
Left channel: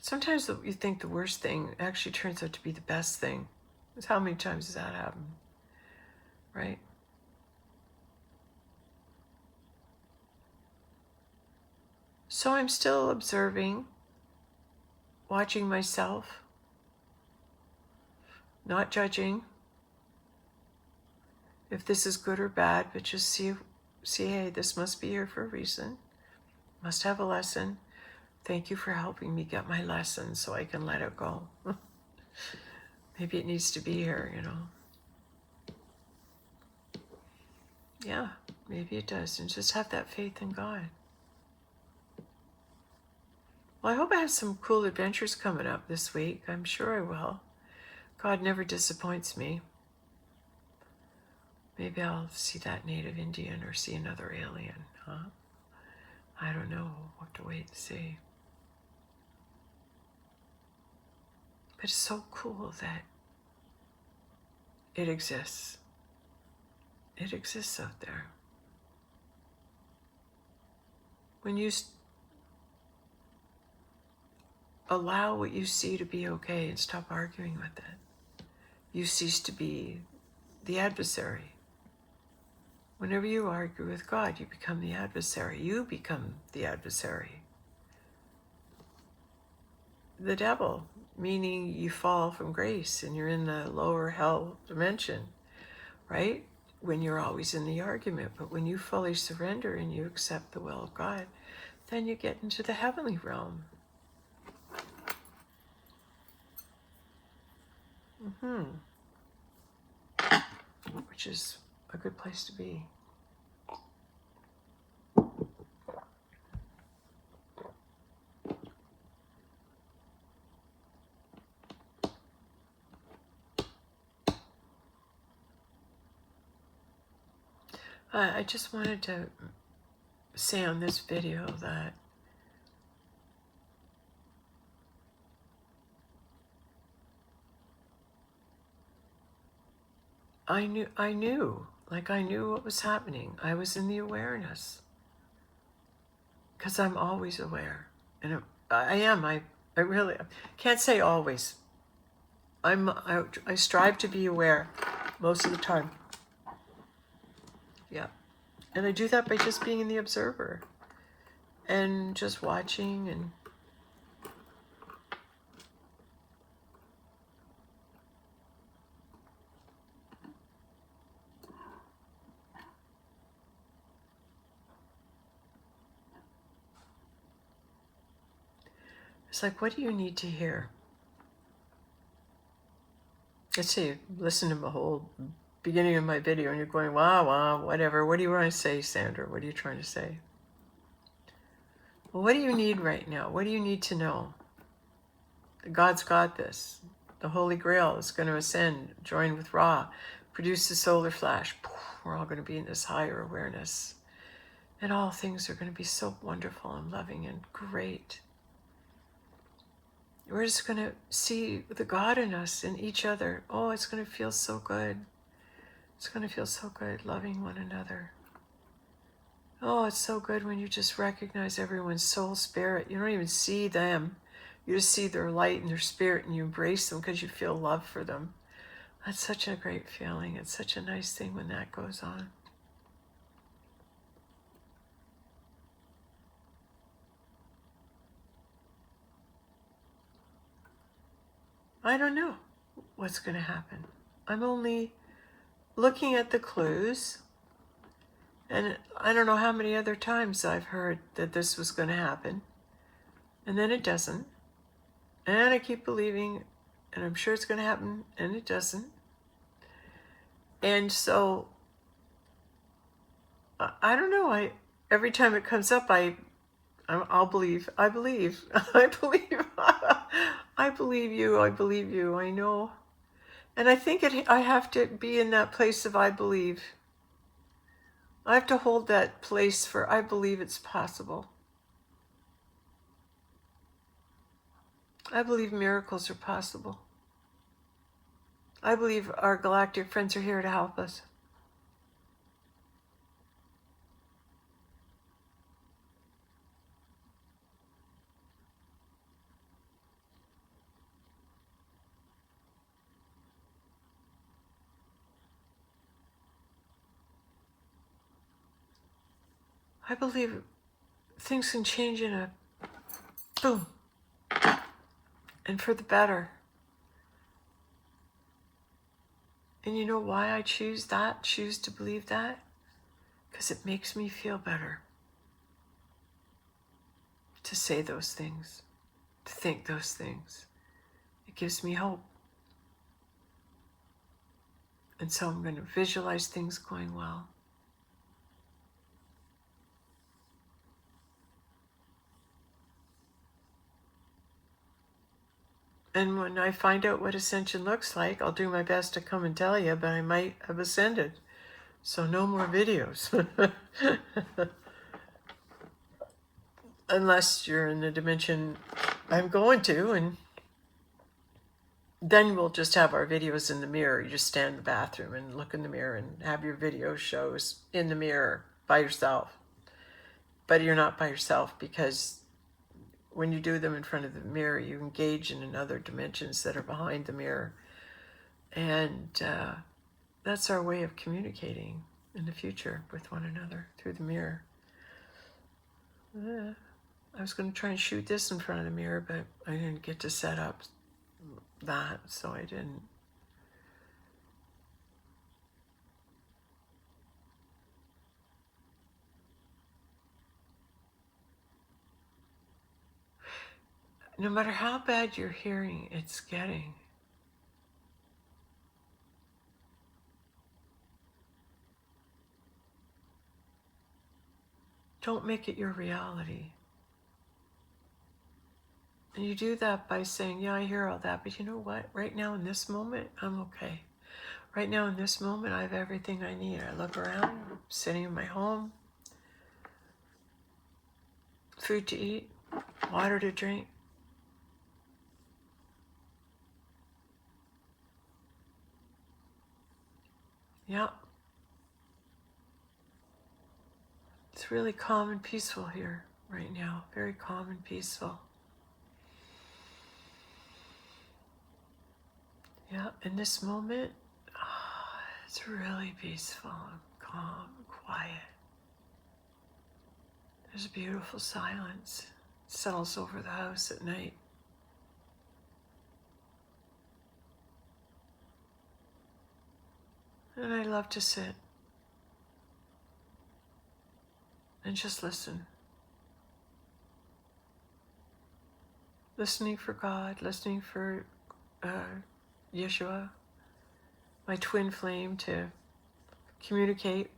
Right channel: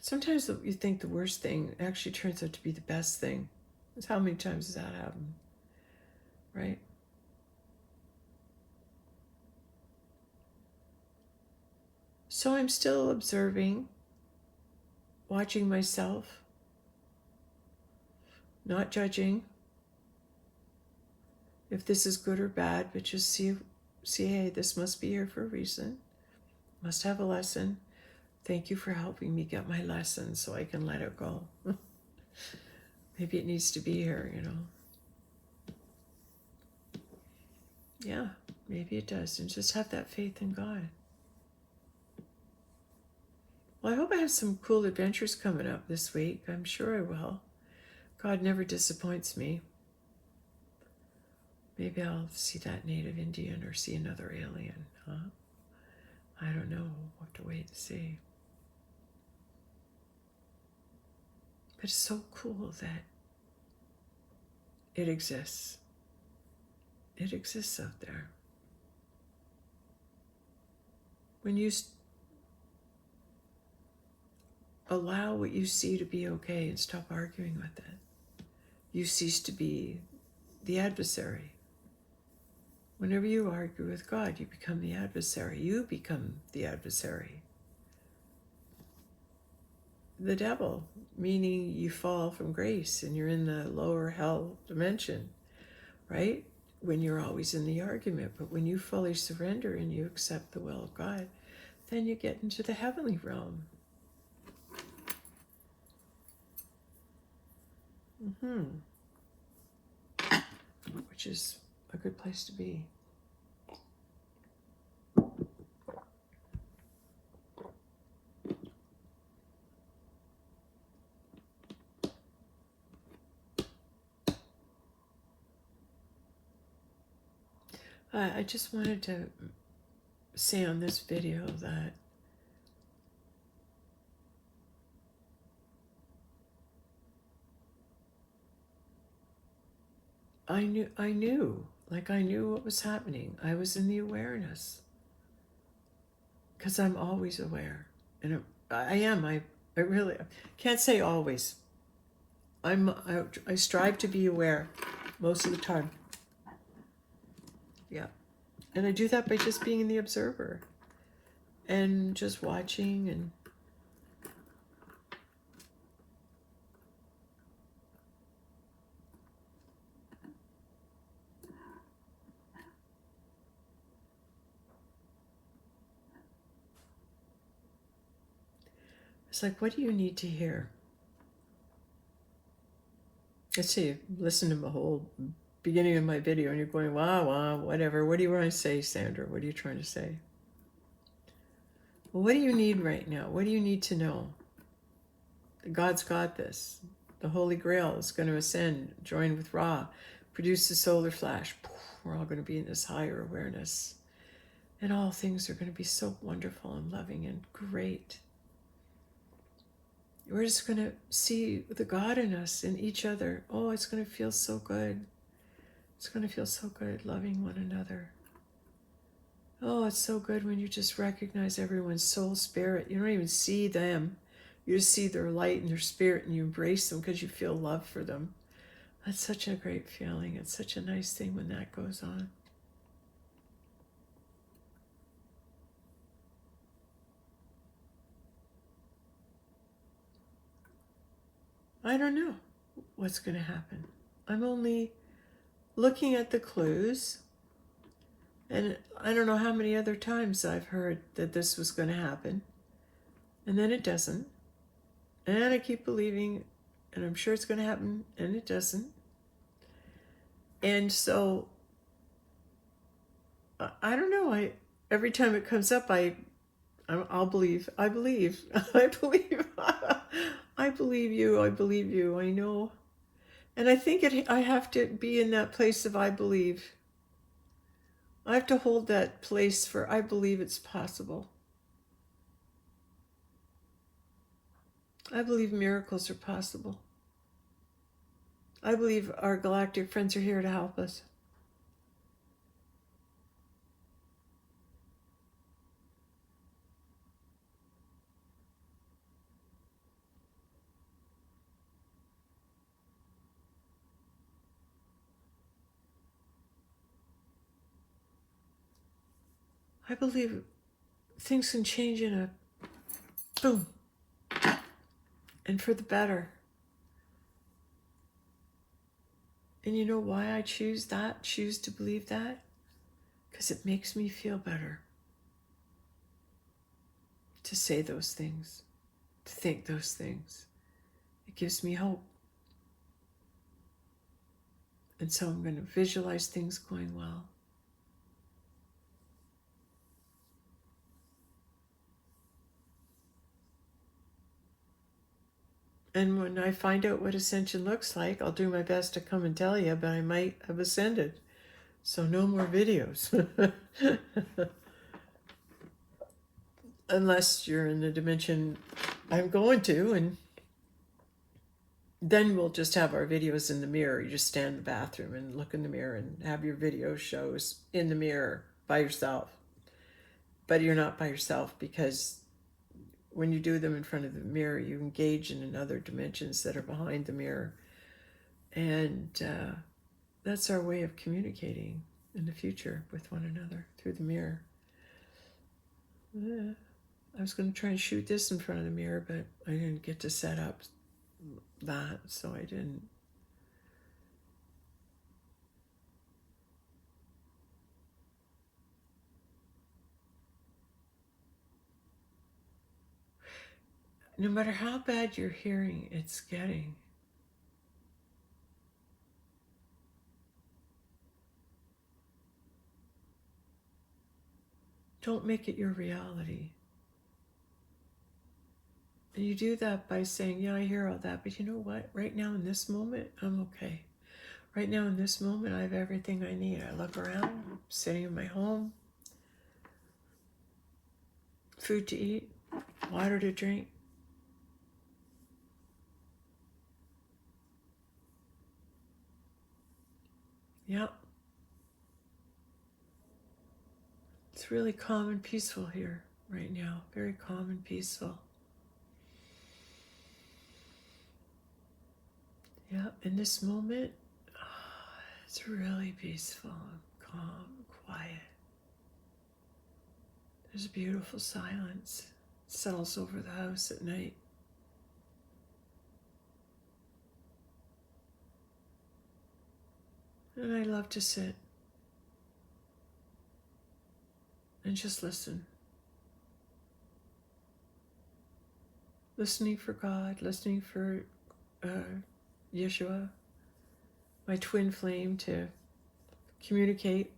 Sometimes you think the worst thing actually turns out to be the best thing. How many times has that happened? Right? So I'm still observing, watching myself, not judging if this is good or bad, but just see, hey, this must be here for a reason. Must have a lesson. Thank you for helping me get my lesson so I can let it go. Maybe it needs to be here, Yeah, maybe it does. And just have that faith in God. Well, I hope I have some cool adventures coming up this week. I'm sure I will. God never disappoints me. Maybe I'll see that native Indian or see another alien, huh? I don't know. We'll have to wait and see. But it's so cool that it exists. It exists out there. When you allow what you see to be okay and stop arguing with it, you cease to be the adversary. Whenever you argue with God, you become the adversary. You become the adversary. The devil, meaning you fall from grace and you're in the lower hell dimension, right? When you're always in the argument. But when you fully surrender and you accept the will of God, then you get into the heavenly realm. Which is a good place to be. I just wanted to say on this video that I knew what was happening. I was in the awareness. Because I'm always aware. And I am. I really can't say always. I strive to be aware most of the time. Yeah. And I do that by just being in the observer and just watching and it's like, what do you need to hear? Let's say you listen to the whole beginning of my video and you're going, wow, whatever. What do you want to say, Sandra? What are you trying to say? Well, what do you need right now? What do you need to know? God's got this. The Holy Grail is going to ascend, join with Ra, produce the solar flash. We're all going to be in this higher awareness. And all things are going to be so wonderful and loving and great. We're just going to see the God in us, in each other. Oh, it's going to feel so good. It's going to feel so good loving one another. Oh, it's so good when you just recognize everyone's soul spirit. You don't even see them. You just see their light and their spirit and you embrace them because you feel love for them. That's such a great feeling. It's such a nice thing when that goes on. I don't know what's going to happen. I'm only looking at the clues. And I don't know how many other times I've heard that this was going to happen. And then it doesn't. And I keep believing, and I'm sure it's going to happen, and it doesn't. And so, I don't know. Every time it comes up, I'll believe. I believe. I believe. I believe you. I believe you. I know. And I think I have to be in that place of I believe. I have to hold that place for I believe it's possible. I believe miracles are possible. I believe our galactic friends are here to help us. I believe things can change in a boom, and for the better. And you know why I choose to believe that? Because it makes me feel better to say those things, to think those things. It gives me hope. And so I'm going to visualize things going well. And when I find out what ascension looks like, I'll do my best to come and tell you, but I might have ascended. So no more videos. Unless you're in the dimension I'm going to, and then we'll just have our videos in the mirror. You just stand in the bathroom and look in the mirror and have your video shows in the mirror by yourself. But you're not by yourself, because when you do them in front of the mirror, you engage in other dimensions that are behind the mirror. And that's our way of communicating in the future with one another, through the mirror. I was going to try and shoot this in front of the mirror, but I didn't get to set up that, so I didn't. No matter how bad your hearing it's getting, don't make it your reality. And you do that by saying, yeah, I hear all that, but you know what? Right now in this moment, I'm okay. Right now in this moment, I have everything I need. I look around, I'm sitting in my home, food to eat, water to drink. Yeah. It's really calm and peaceful here right now. Very calm and peaceful. Yeah, in this moment, it's really peaceful and calm and quiet. There's a beautiful silence. It settles over the house at night. And I love to sit and just listen. Listening for God, listening for Yeshua, my twin flame, to communicate.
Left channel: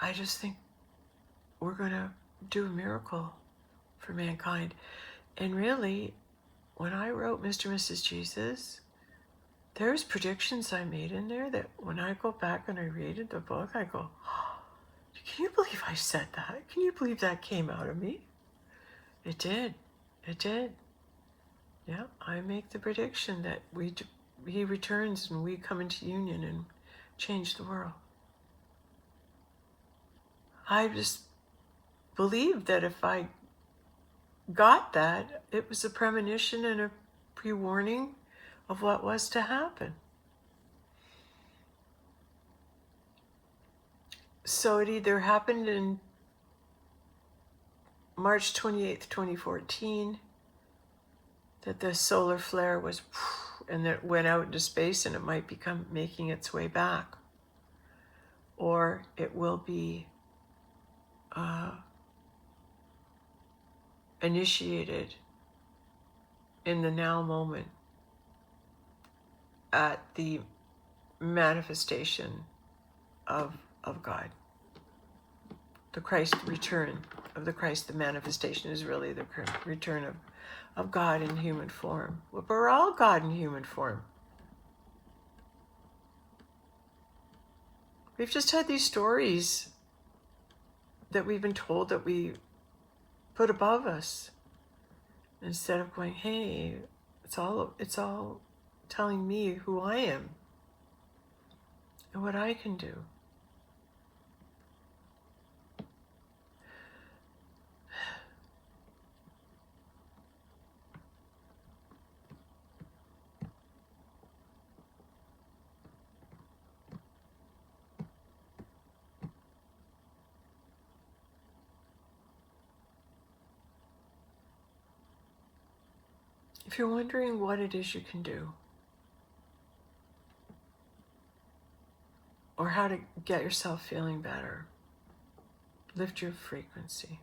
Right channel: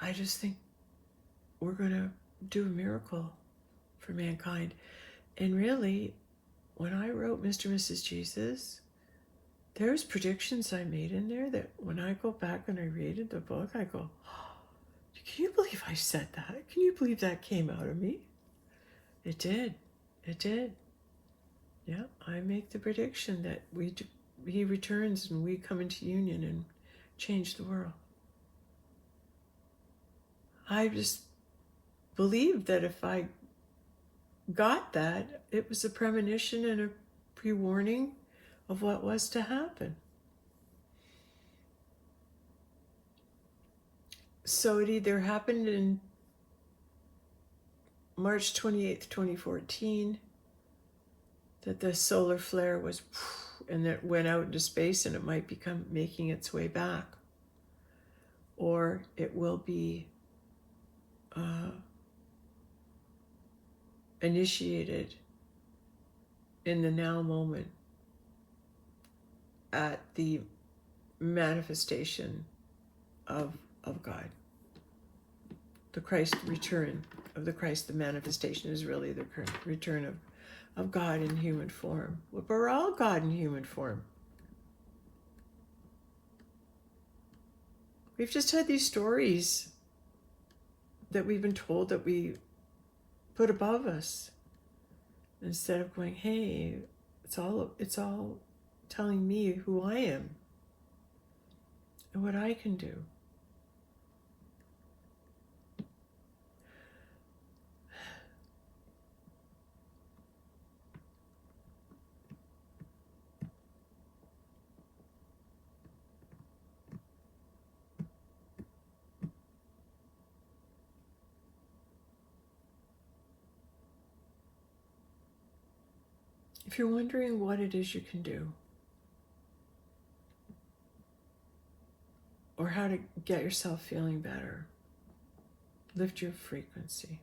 I just think we're going to do a miracle for mankind. And really, when I wrote Mr. and Mrs. Jesus, there's predictions I made in there that when I go back and I read the book, I go, oh, can you believe I said that? Can you believe that came out of me? It did. It did. Yeah, I make the prediction that he returns and we come into union and change the world. I just believed that if I got that, it was a premonition and a pre-warning of what was to happen. So it either happened in March 28th, 2014, that the solar flare was, and it went out into space, and it might become making its way back. Or it will be initiated in the now moment at the manifestation of God. The Christ return of the Christ, the manifestation is really the return of God in human form. We're all God in human form. We've just had these stories that we've been told that we put above us, instead of going, hey, it's all telling me who I am and what I can do. If you're wondering what it is you can do, or how to get yourself feeling better, lift your frequency.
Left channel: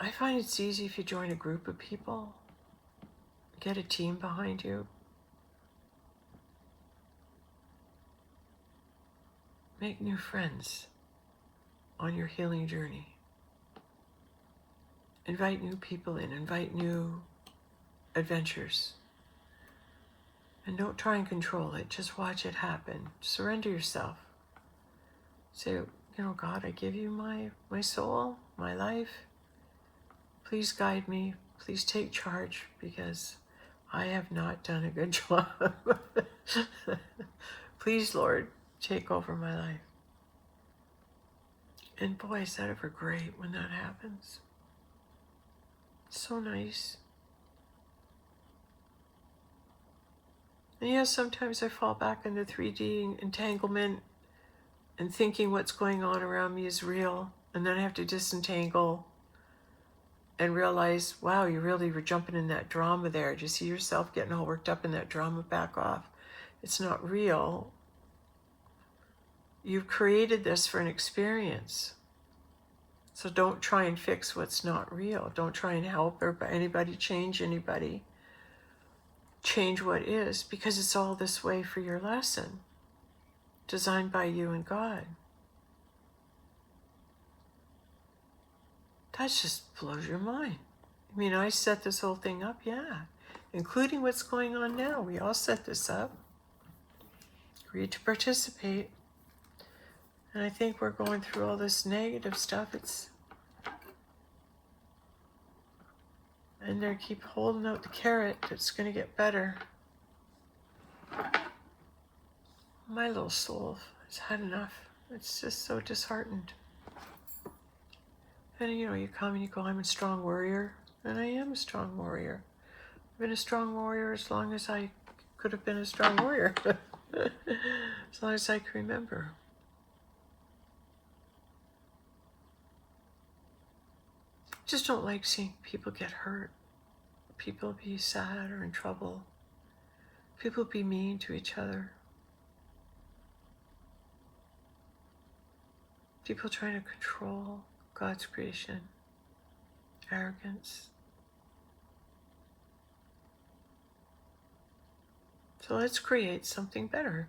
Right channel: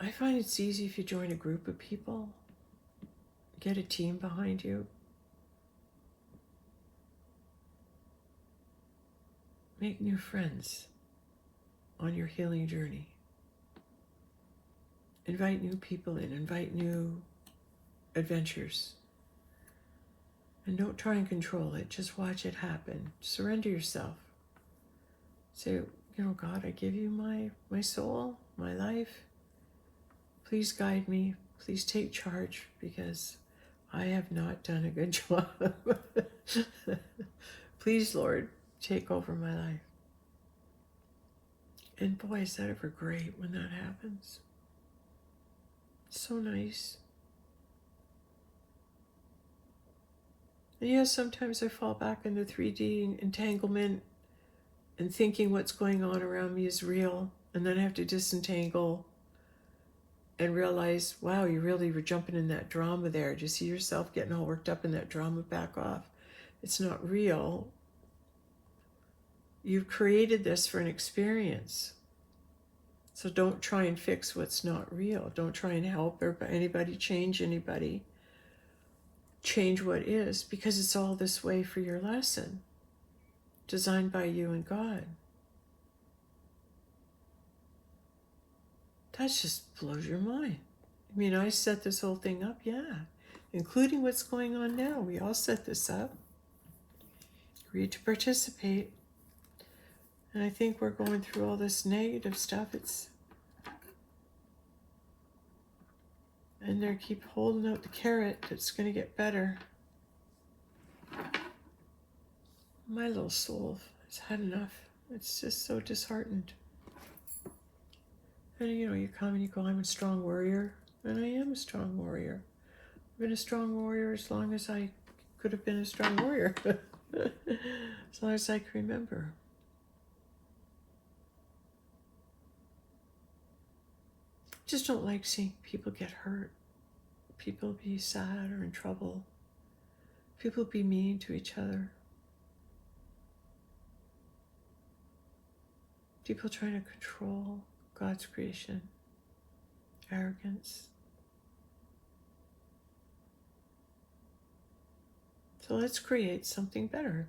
I find it's easy if you join a group of people, get a team behind you, make new friends on your healing journey. Invite new people in, invite new adventures. And don't try and control it. Just watch it happen. Surrender yourself. Say, God, I give you my soul, my life. Please guide me. Please take charge, because I have not done a good job. Please, Lord, take over my life. And boy, is that ever great when that happens. So nice. And yes, sometimes I fall back into 3D entanglement and thinking what's going on around me is real. And then I have to disentangle and realize, wow, you really were jumping in that drama there. Do you see yourself getting all worked up in that drama? Back off. It's not real. You've created this for an experience. So don't try and fix what's not real. Don't try and help anybody, change anybody. Change what is, because it's all this way for your lesson, designed by you and God. That just blows your mind. I mean, I set this whole thing up, yeah, including what's going on now. We all set this up, agreed to participate. And I think we're going through all this negative stuff. And they keep holding out the carrot that's going to get better. My little soul has had enough. It's just so disheartened. And you come and you go, I'm a strong warrior. And I am a strong warrior. I've been a strong warrior as long as I could have been a strong warrior. As long as I can remember. Just don't like seeing people get hurt. People be sad or in trouble. People be mean to each other. People trying to control God's creation. Arrogance. So let's create something better.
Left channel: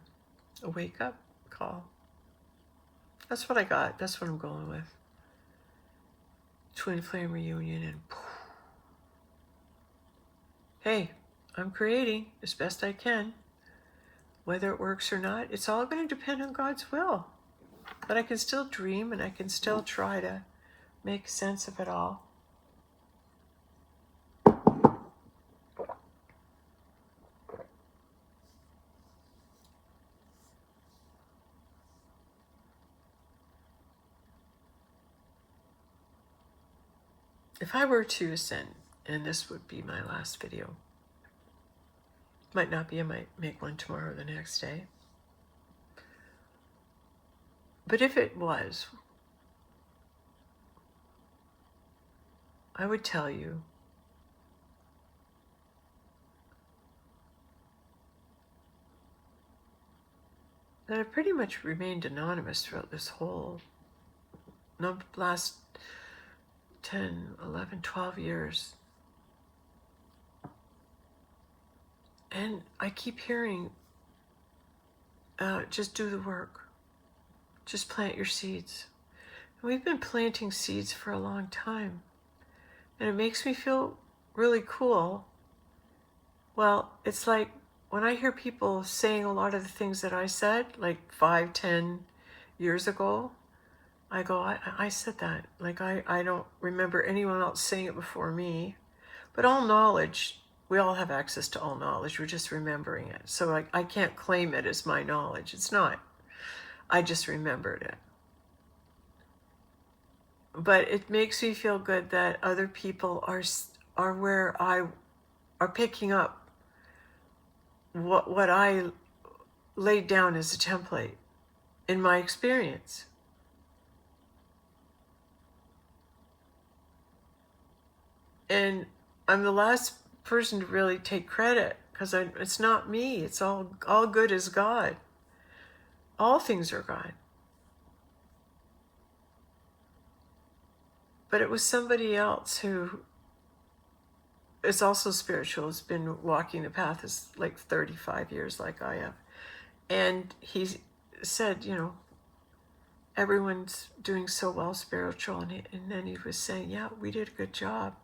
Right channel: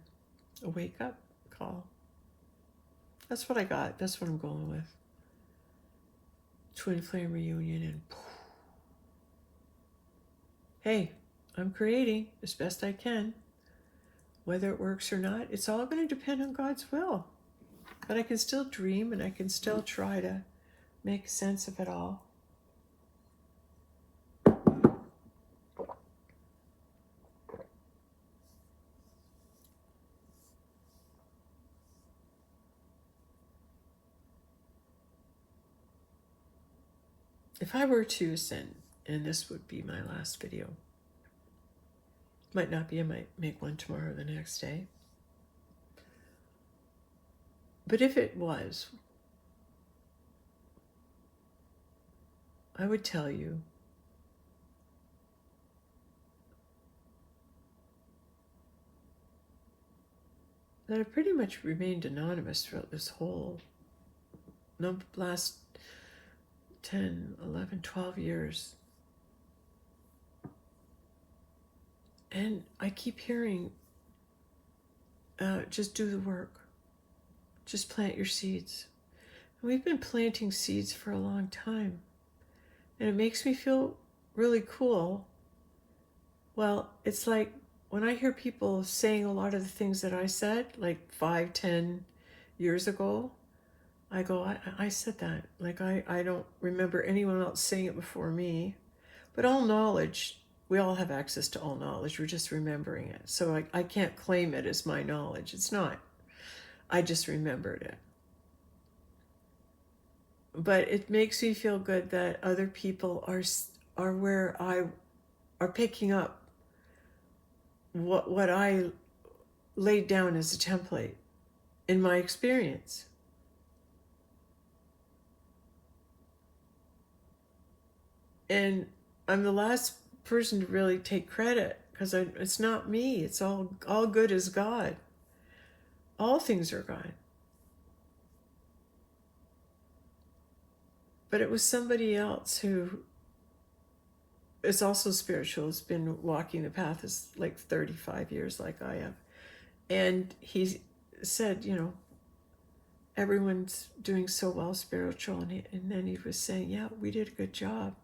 A wake-up call. That's what I got. That's what I'm going with. Twin flame reunion and poof. Hey, I'm creating as best I can. Whether it works or not, it's all going to depend on God's will. But I can still dream and I can still try to make sense of it all. If I were to ascend, and this would be my last video, might not be, I might make one tomorrow or the next day. But if it was, I would tell you that I pretty much remained anonymous throughout this whole last 10, 11, 12 years. And I keep hearing, just do the work. Just plant your seeds. And we've been planting seeds for a long time. And it makes me feel really cool. Well, it's like when I hear people saying a lot of the things that I said, like 5, 10 years ago, I go, I said that. Like I don't remember anyone else saying it before me. But all knowledge, we all have access to all knowledge. We're just remembering it. So I can't claim it as my knowledge. It's not. I just remembered it. But it makes me feel good that other people are where I are picking up what I laid down as a template in my experience. And I'm the last person to really take credit, because it's not me. It's all good is God. All things are God. But it was somebody else who is also spiritual, has been walking the path is like 35 years like I have. And he said, everyone's doing so well spiritual. And then he was saying, yeah, we did a good job.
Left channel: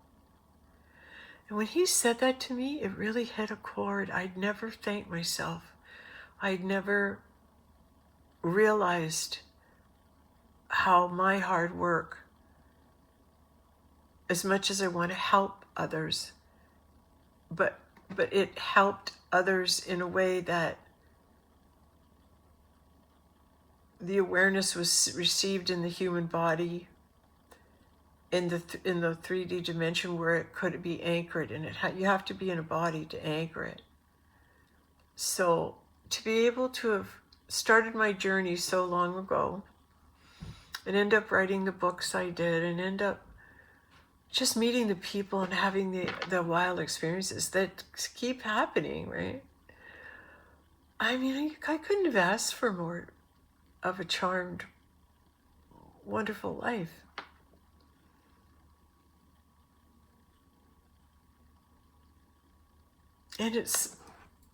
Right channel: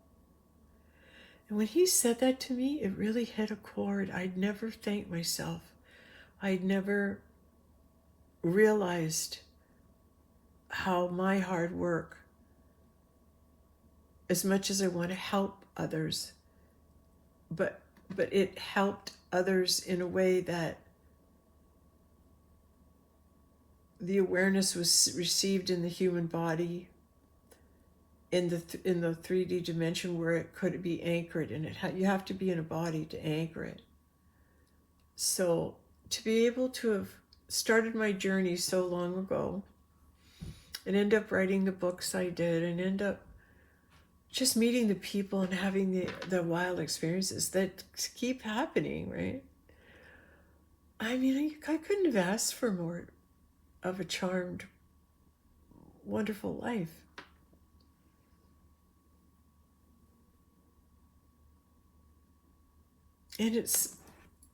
And when he said that to me, it really hit a chord. I'd never thanked myself. I'd never realized how my hard work, as much as I want to help others, but it helped others in a way that the awareness was received in the human body, in the 3D dimension, where it could be anchored, and you have to be in a body to anchor it. So to be able to have started my journey so long ago and end up writing the books I did, and end up just meeting the people and having the wild experiences that keep happening, right? I mean, I couldn't have asked for more of a charmed, wonderful life. And it's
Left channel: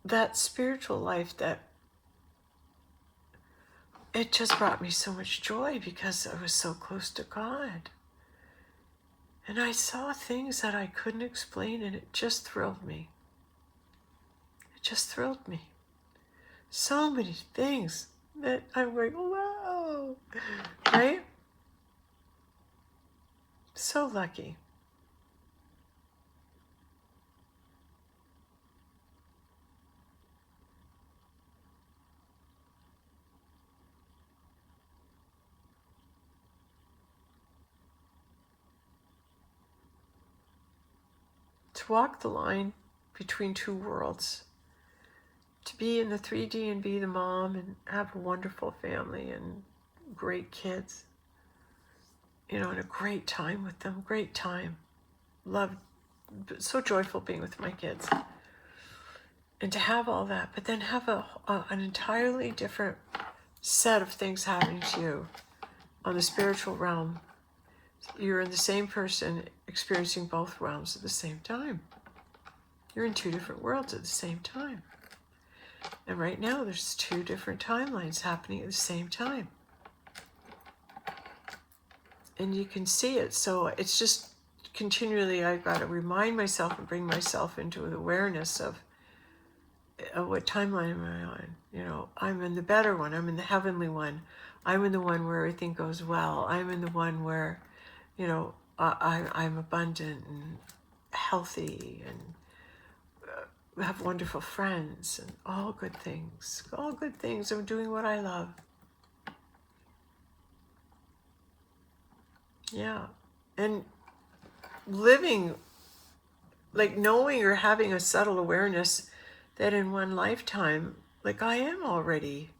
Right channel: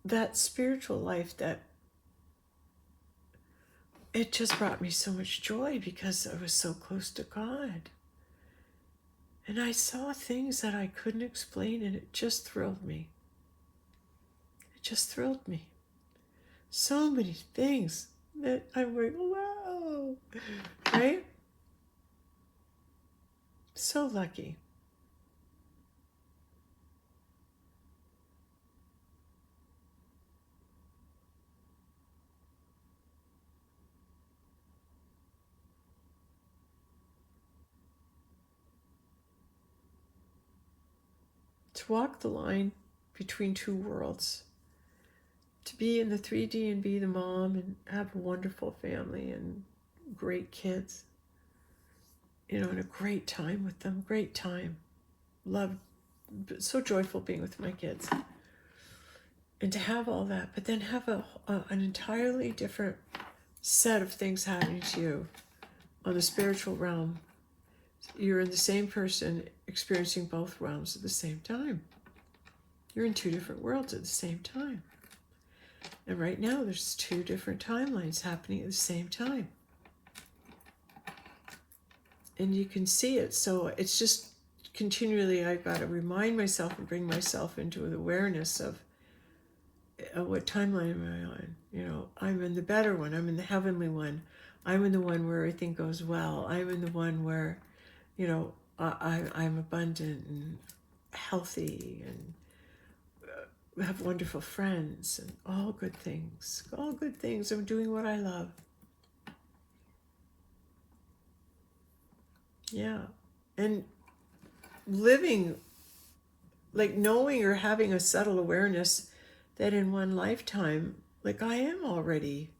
that spiritual life that it just brought me so much joy, because I was so close to God. And I saw things that I couldn't explain, and it just thrilled me. It just thrilled me. So many things that I'm going, wow, right? So lucky. To walk the line between two worlds, to be in the 3D and be the mom and have a wonderful family and great kids, and a great time with them, great time. Love, so joyful being with my kids. And to have all that, but then have an entirely different set of things happening to you on the spiritual realm. You're in the same person experiencing both realms at the same time. You're in two different worlds at the same time. And right now there's two different timelines happening at the same time. And you can see it. So it's just continually, I've got to remind myself and bring myself into the awareness of what timeline am I on? I'm in the better one. I'm in the heavenly one. I'm in the one where everything goes well. I'm in the one where, I'm abundant and healthy and have wonderful friends and all good things. All good things. I'm doing what I love. Yeah. And living, like knowing or having a subtle awareness that in one lifetime, like I am already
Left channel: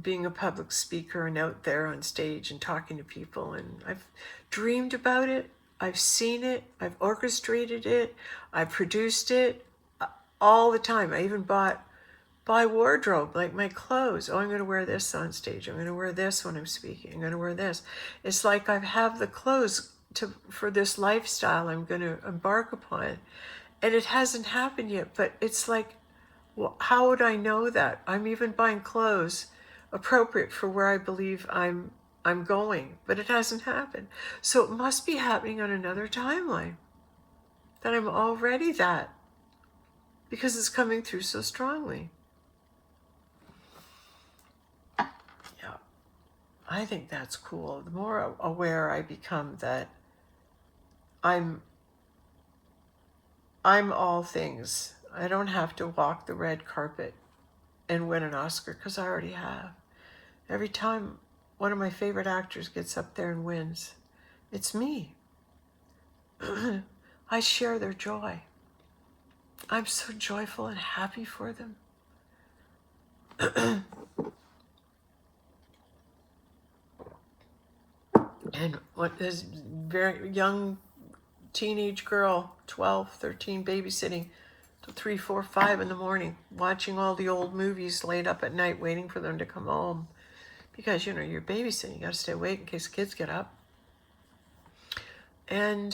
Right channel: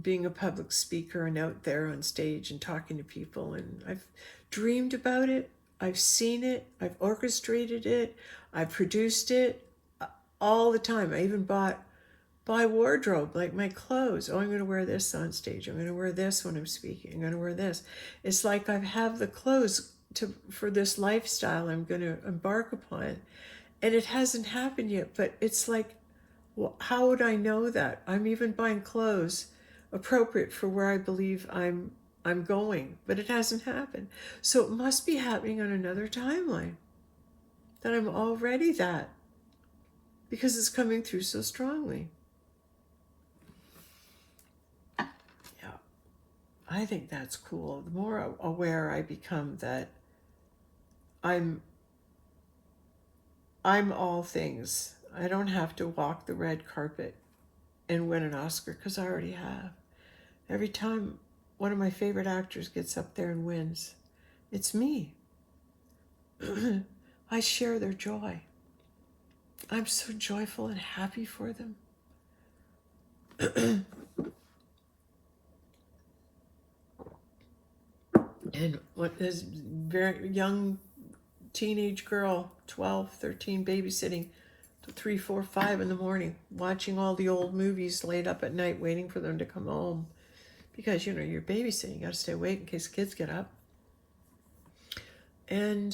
being a public speaker and out there on stage and talking to people. And I've dreamed about it. I've seen it. I've orchestrated it. I've produced it all the time. I even buy wardrobe, like my clothes. Oh, I'm going to wear this on stage. I'm going to wear this when I'm speaking. I'm going to wear this. It's like I have the clothes for this lifestyle I'm going to embark upon. And it hasn't happened yet, but it's like, well, how would I know that? I'm even buying clothes appropriate for where I believe I'm going, but it hasn't happened. So it must be happening on another timeline, that I'm already that, because it's coming through so strongly. Yeah, I think that's cool. The more aware I become that I'm all things. I don't have to walk the red carpet and win an Oscar, because I already have. Every time one of my favorite actors gets up there and wins, it's me. I share their joy. I'm so joyful and happy for them. And what this very young teenage girl, 12, 13, babysitting till 3, 4, 5 in the morning, watching all the old movies late up at night, waiting for them to come home. Because, you're babysitting. You got to stay awake in case kids get up. And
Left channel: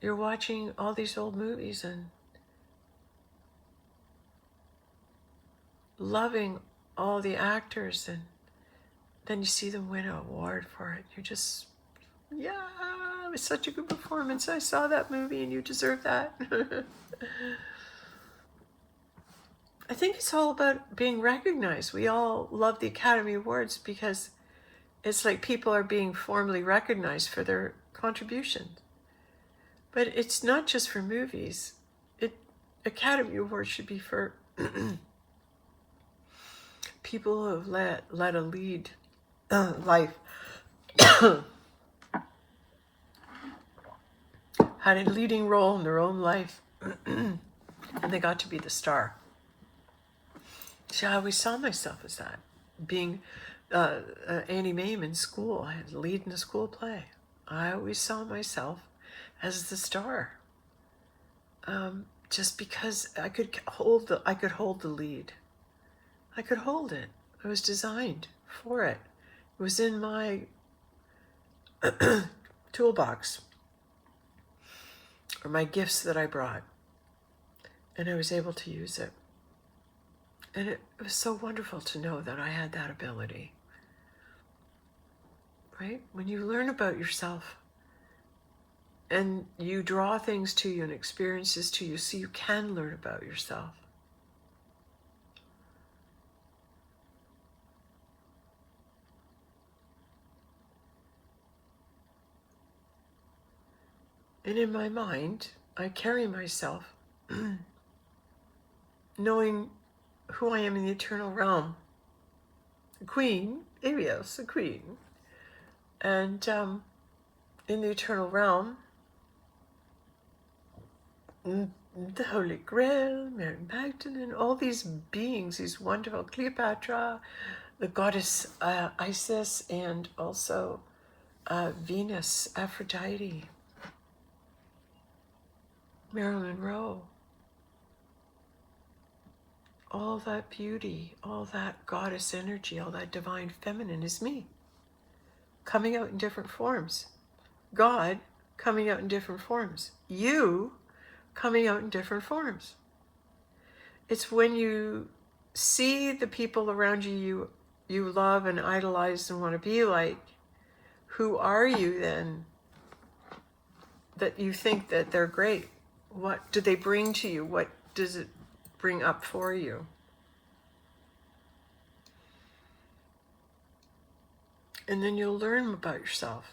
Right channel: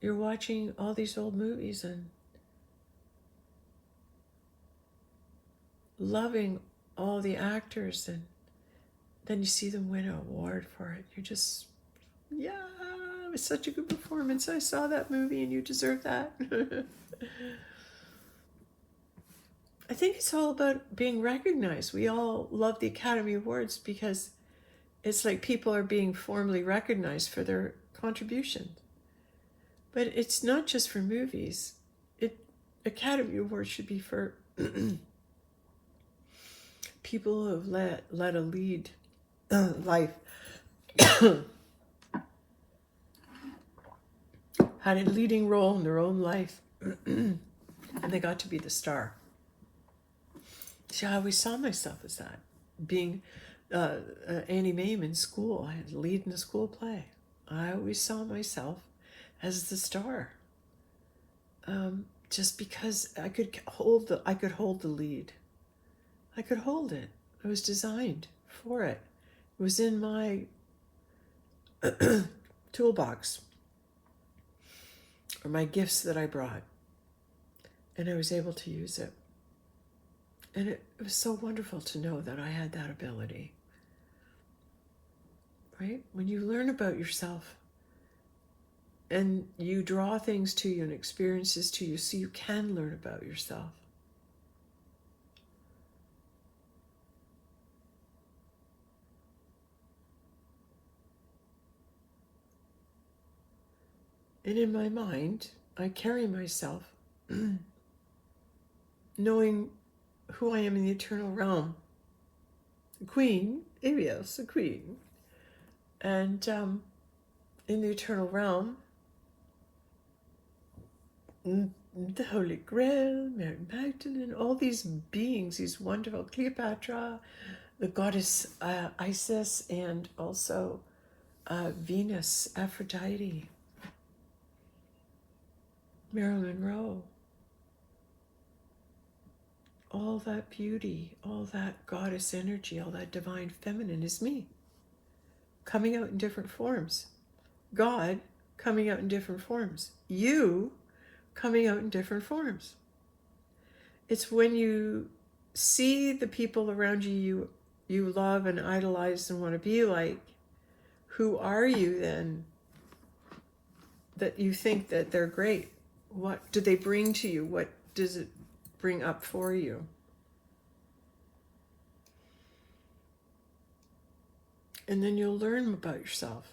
you're watching all these old movies and loving all the actors. And then you see them win an award for it. You're just, yeah, was such a good performance. I saw that movie and you deserve that. I think it's all about being recognized. We all love the Academy Awards because it's like people are being formally recognized for their contributions. But it's not just for movies. Academy Awards should be for people who have led a lead life, had a leading role in their own life, and they got to be the star. See, I always saw myself as that, being Annie Mame in school. I had lead in a school play. I always saw myself as the star, just because I could hold the lead. I could hold it. I was designed for it. It was in my toolbox, or my gifts that I brought, and I was able to use it. And it was so wonderful to know that I had that ability. Right? When you learn about yourself and you draw things to you and experiences to you, so you can learn about yourself. And in my mind, I carry myself knowing who I am in the eternal realm. A queen, yes, a queen. And in the eternal realm, the Holy Grail, Mary Magdalene, all these beings, these wonderful, Cleopatra, the goddess Isis, and also Venus, Aphrodite, Marilyn Monroe. All that beauty, all that goddess energy, all that divine feminine is me, coming out in different forms. God coming out in different forms. You coming out in different forms. It's when you see the people around you love and idolize and want to be like, who are you then, that you think that they're great? What do they bring to you? What does it bring up for you? And then you'll learn about yourself.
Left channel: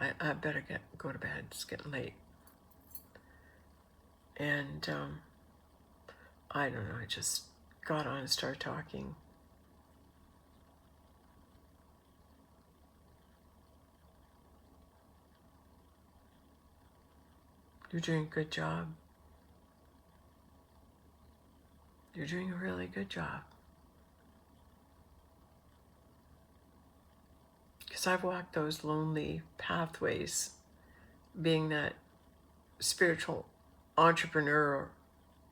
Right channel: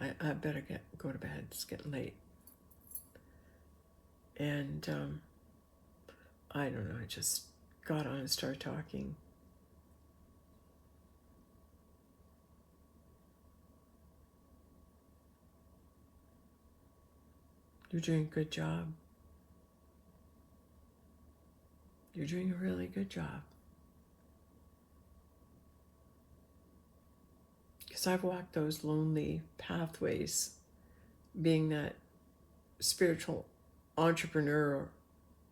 I better go to bed. It's getting late. And I don't know, I just got on and started talking. You're doing a good job. You're doing a really good job. Because I've walked those lonely pathways, being that spiritual entrepreneur,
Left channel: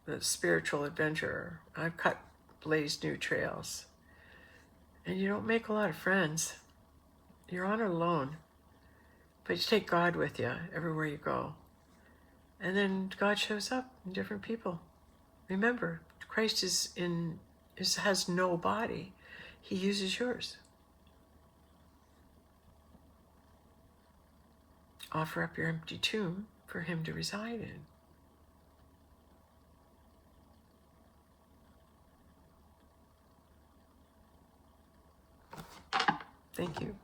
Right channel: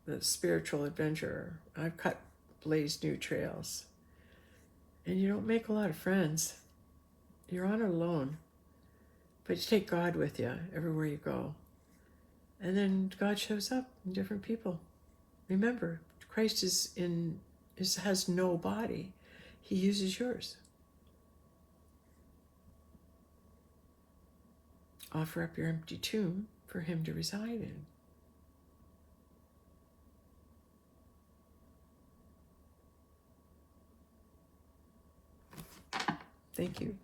the spiritual adventurer. I've blazed new trails. And you don't make a lot of friends. You're on alone. But you take God with you everywhere you go. And then God shows up in different people. Remember, Christ has no body. He uses yours. Offer up your empty tomb for him to reside in. Thank you.